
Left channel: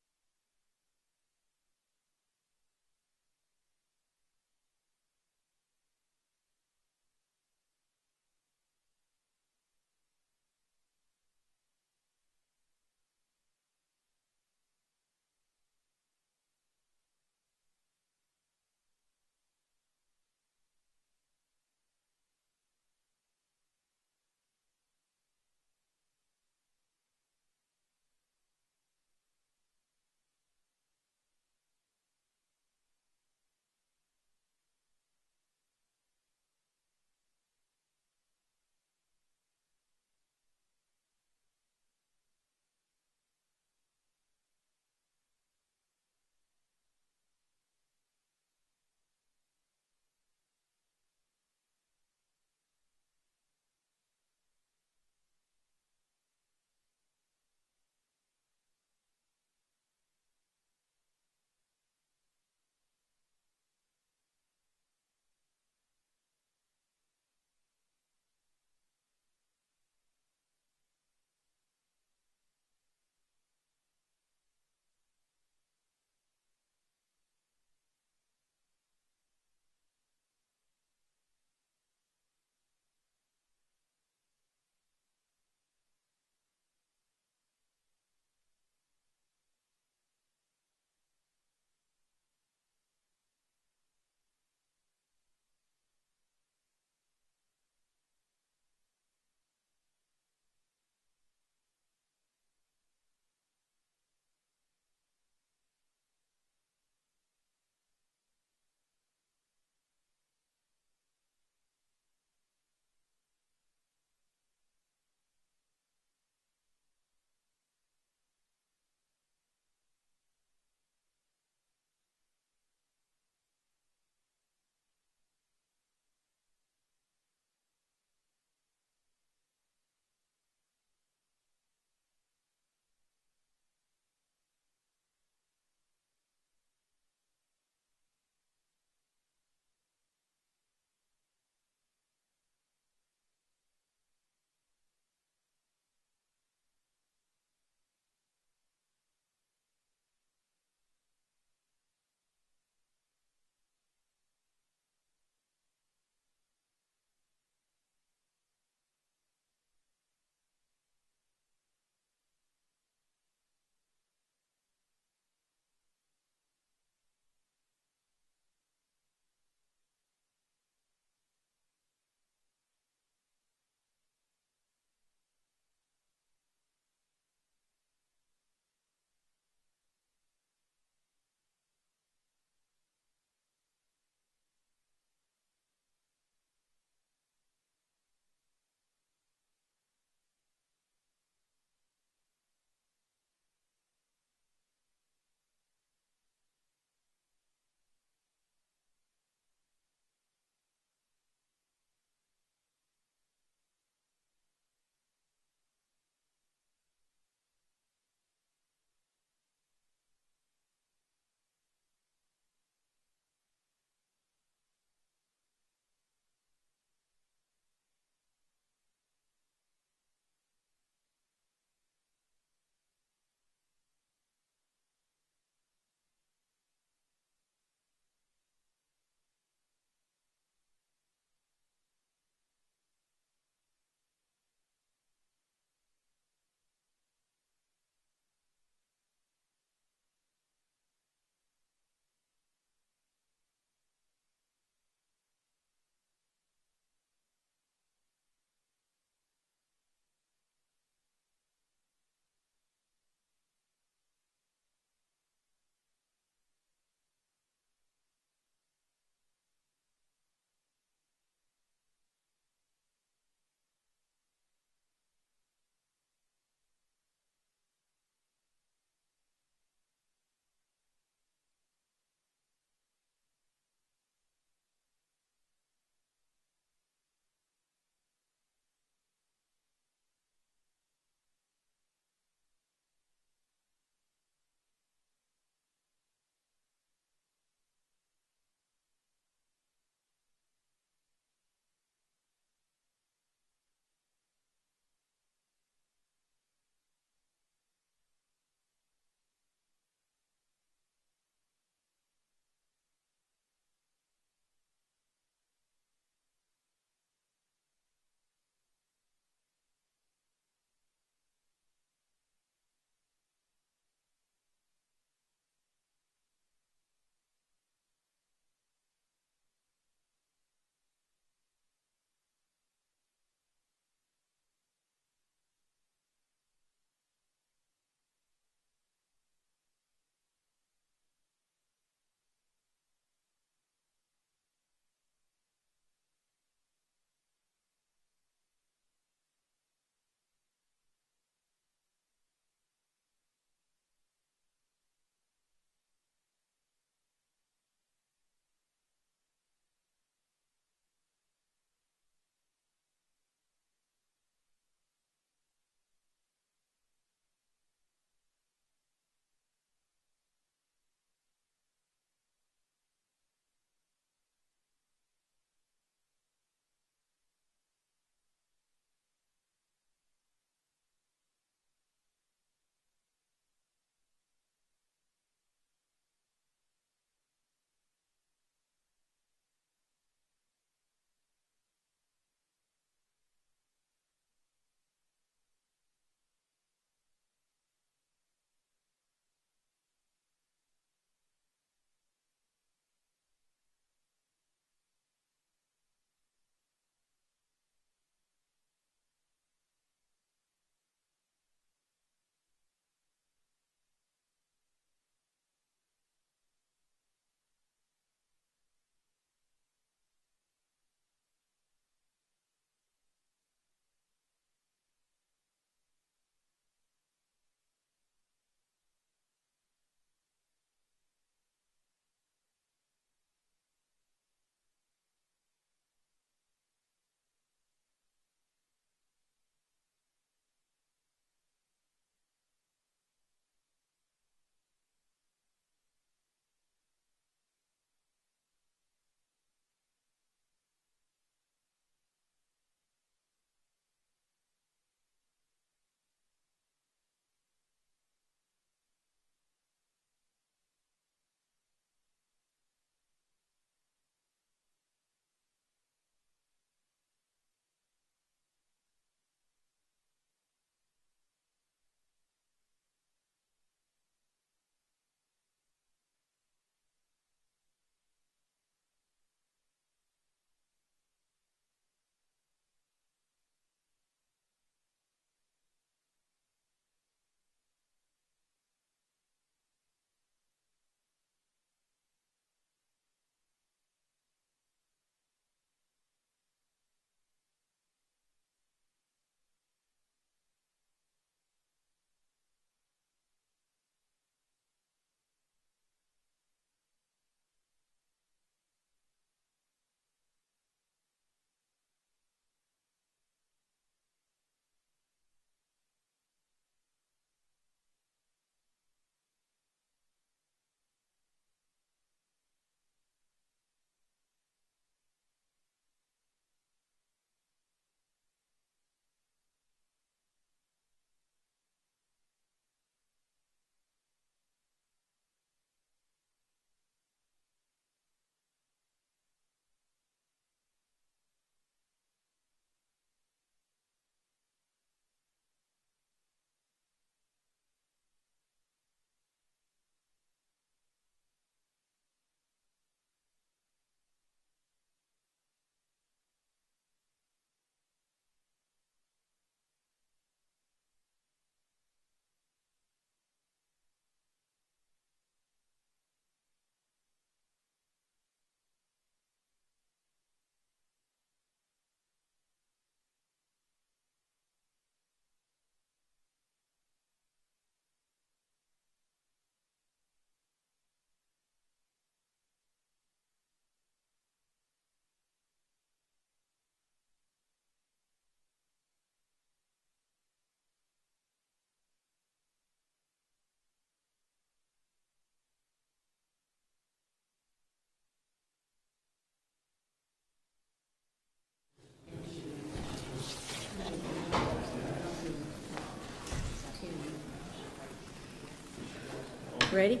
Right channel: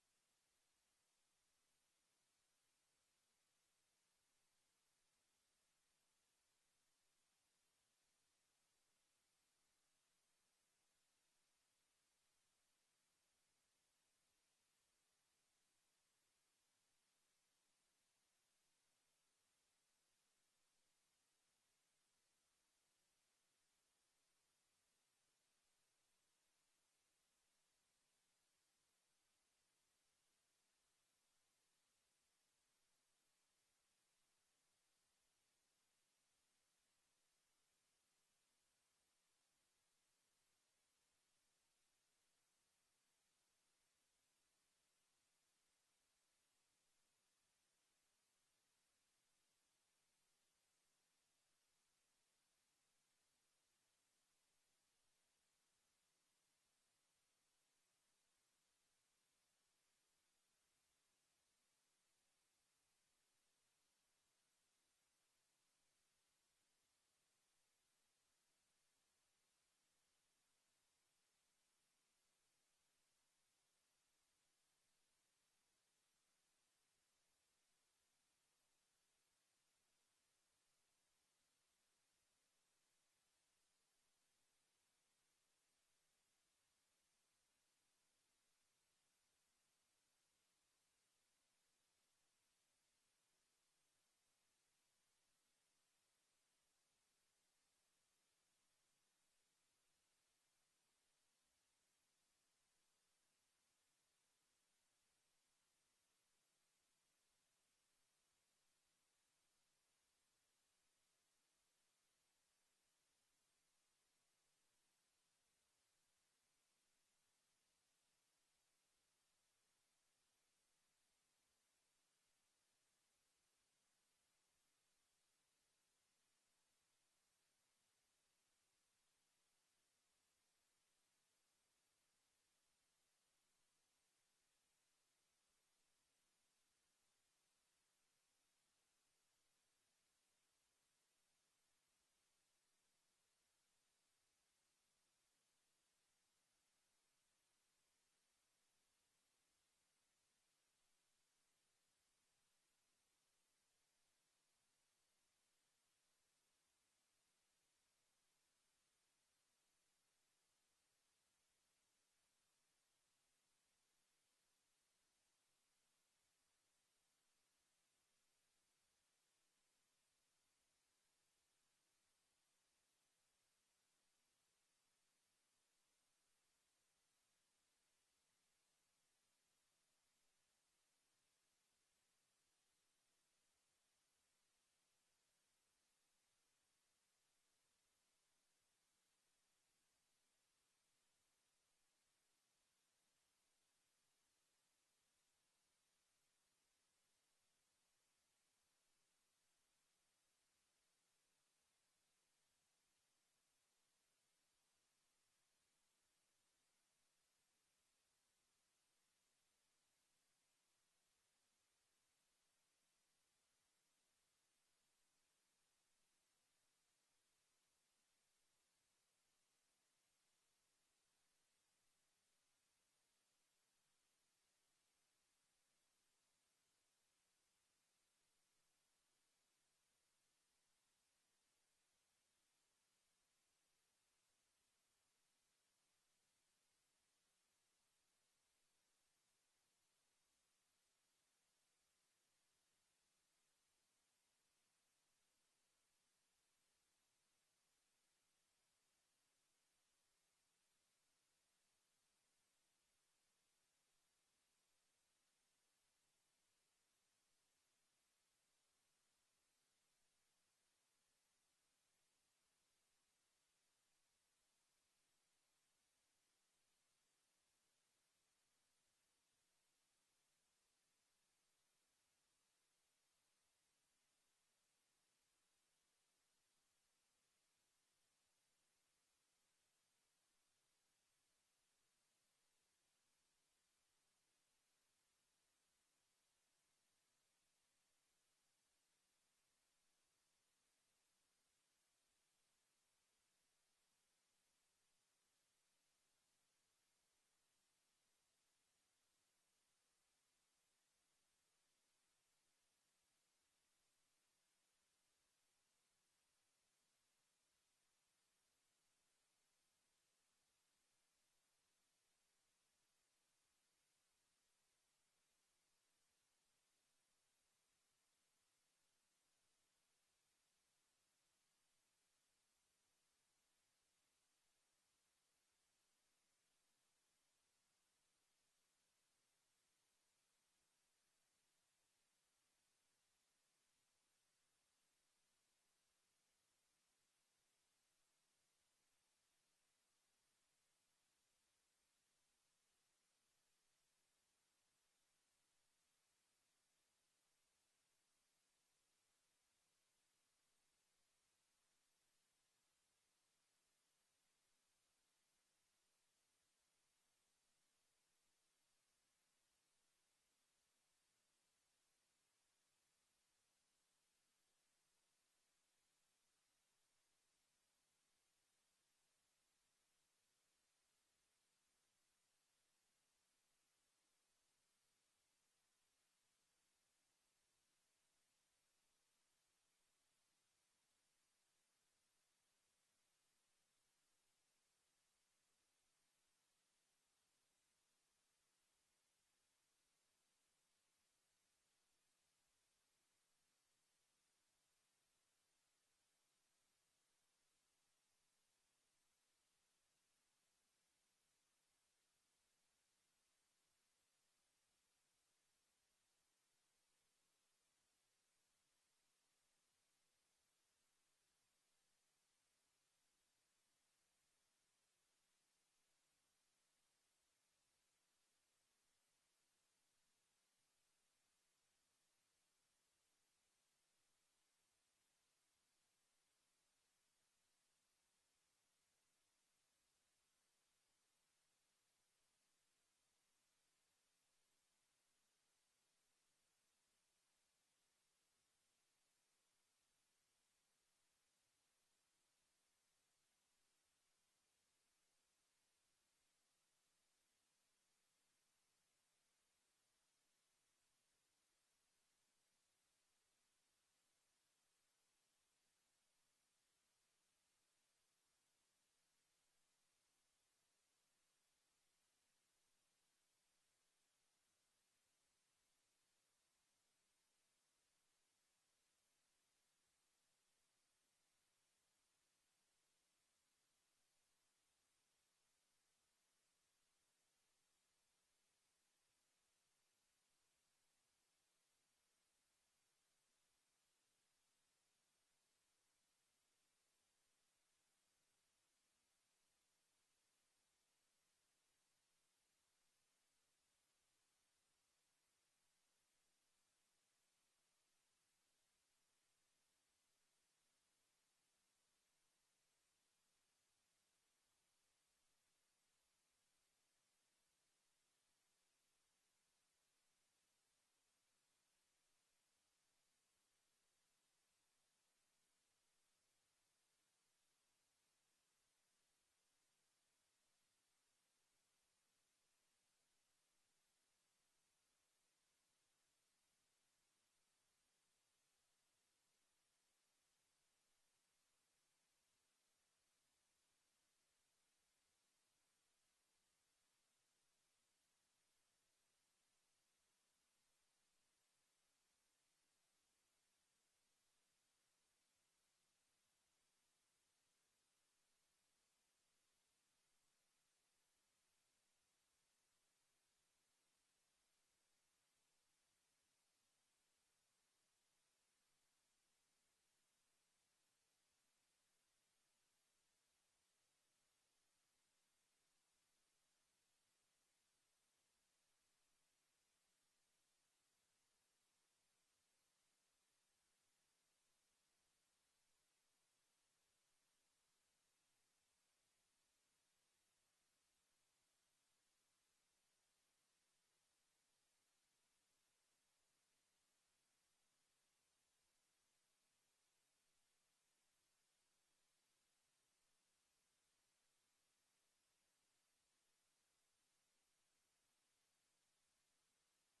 Ready?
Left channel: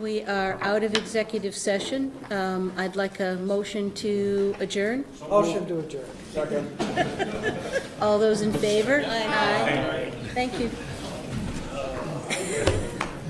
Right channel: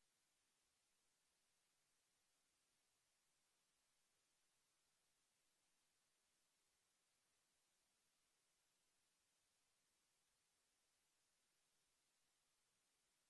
We are out of executive session. I'd like a motion to adjourn. Motion to adjourn. All those in favor? Aye. Thank you.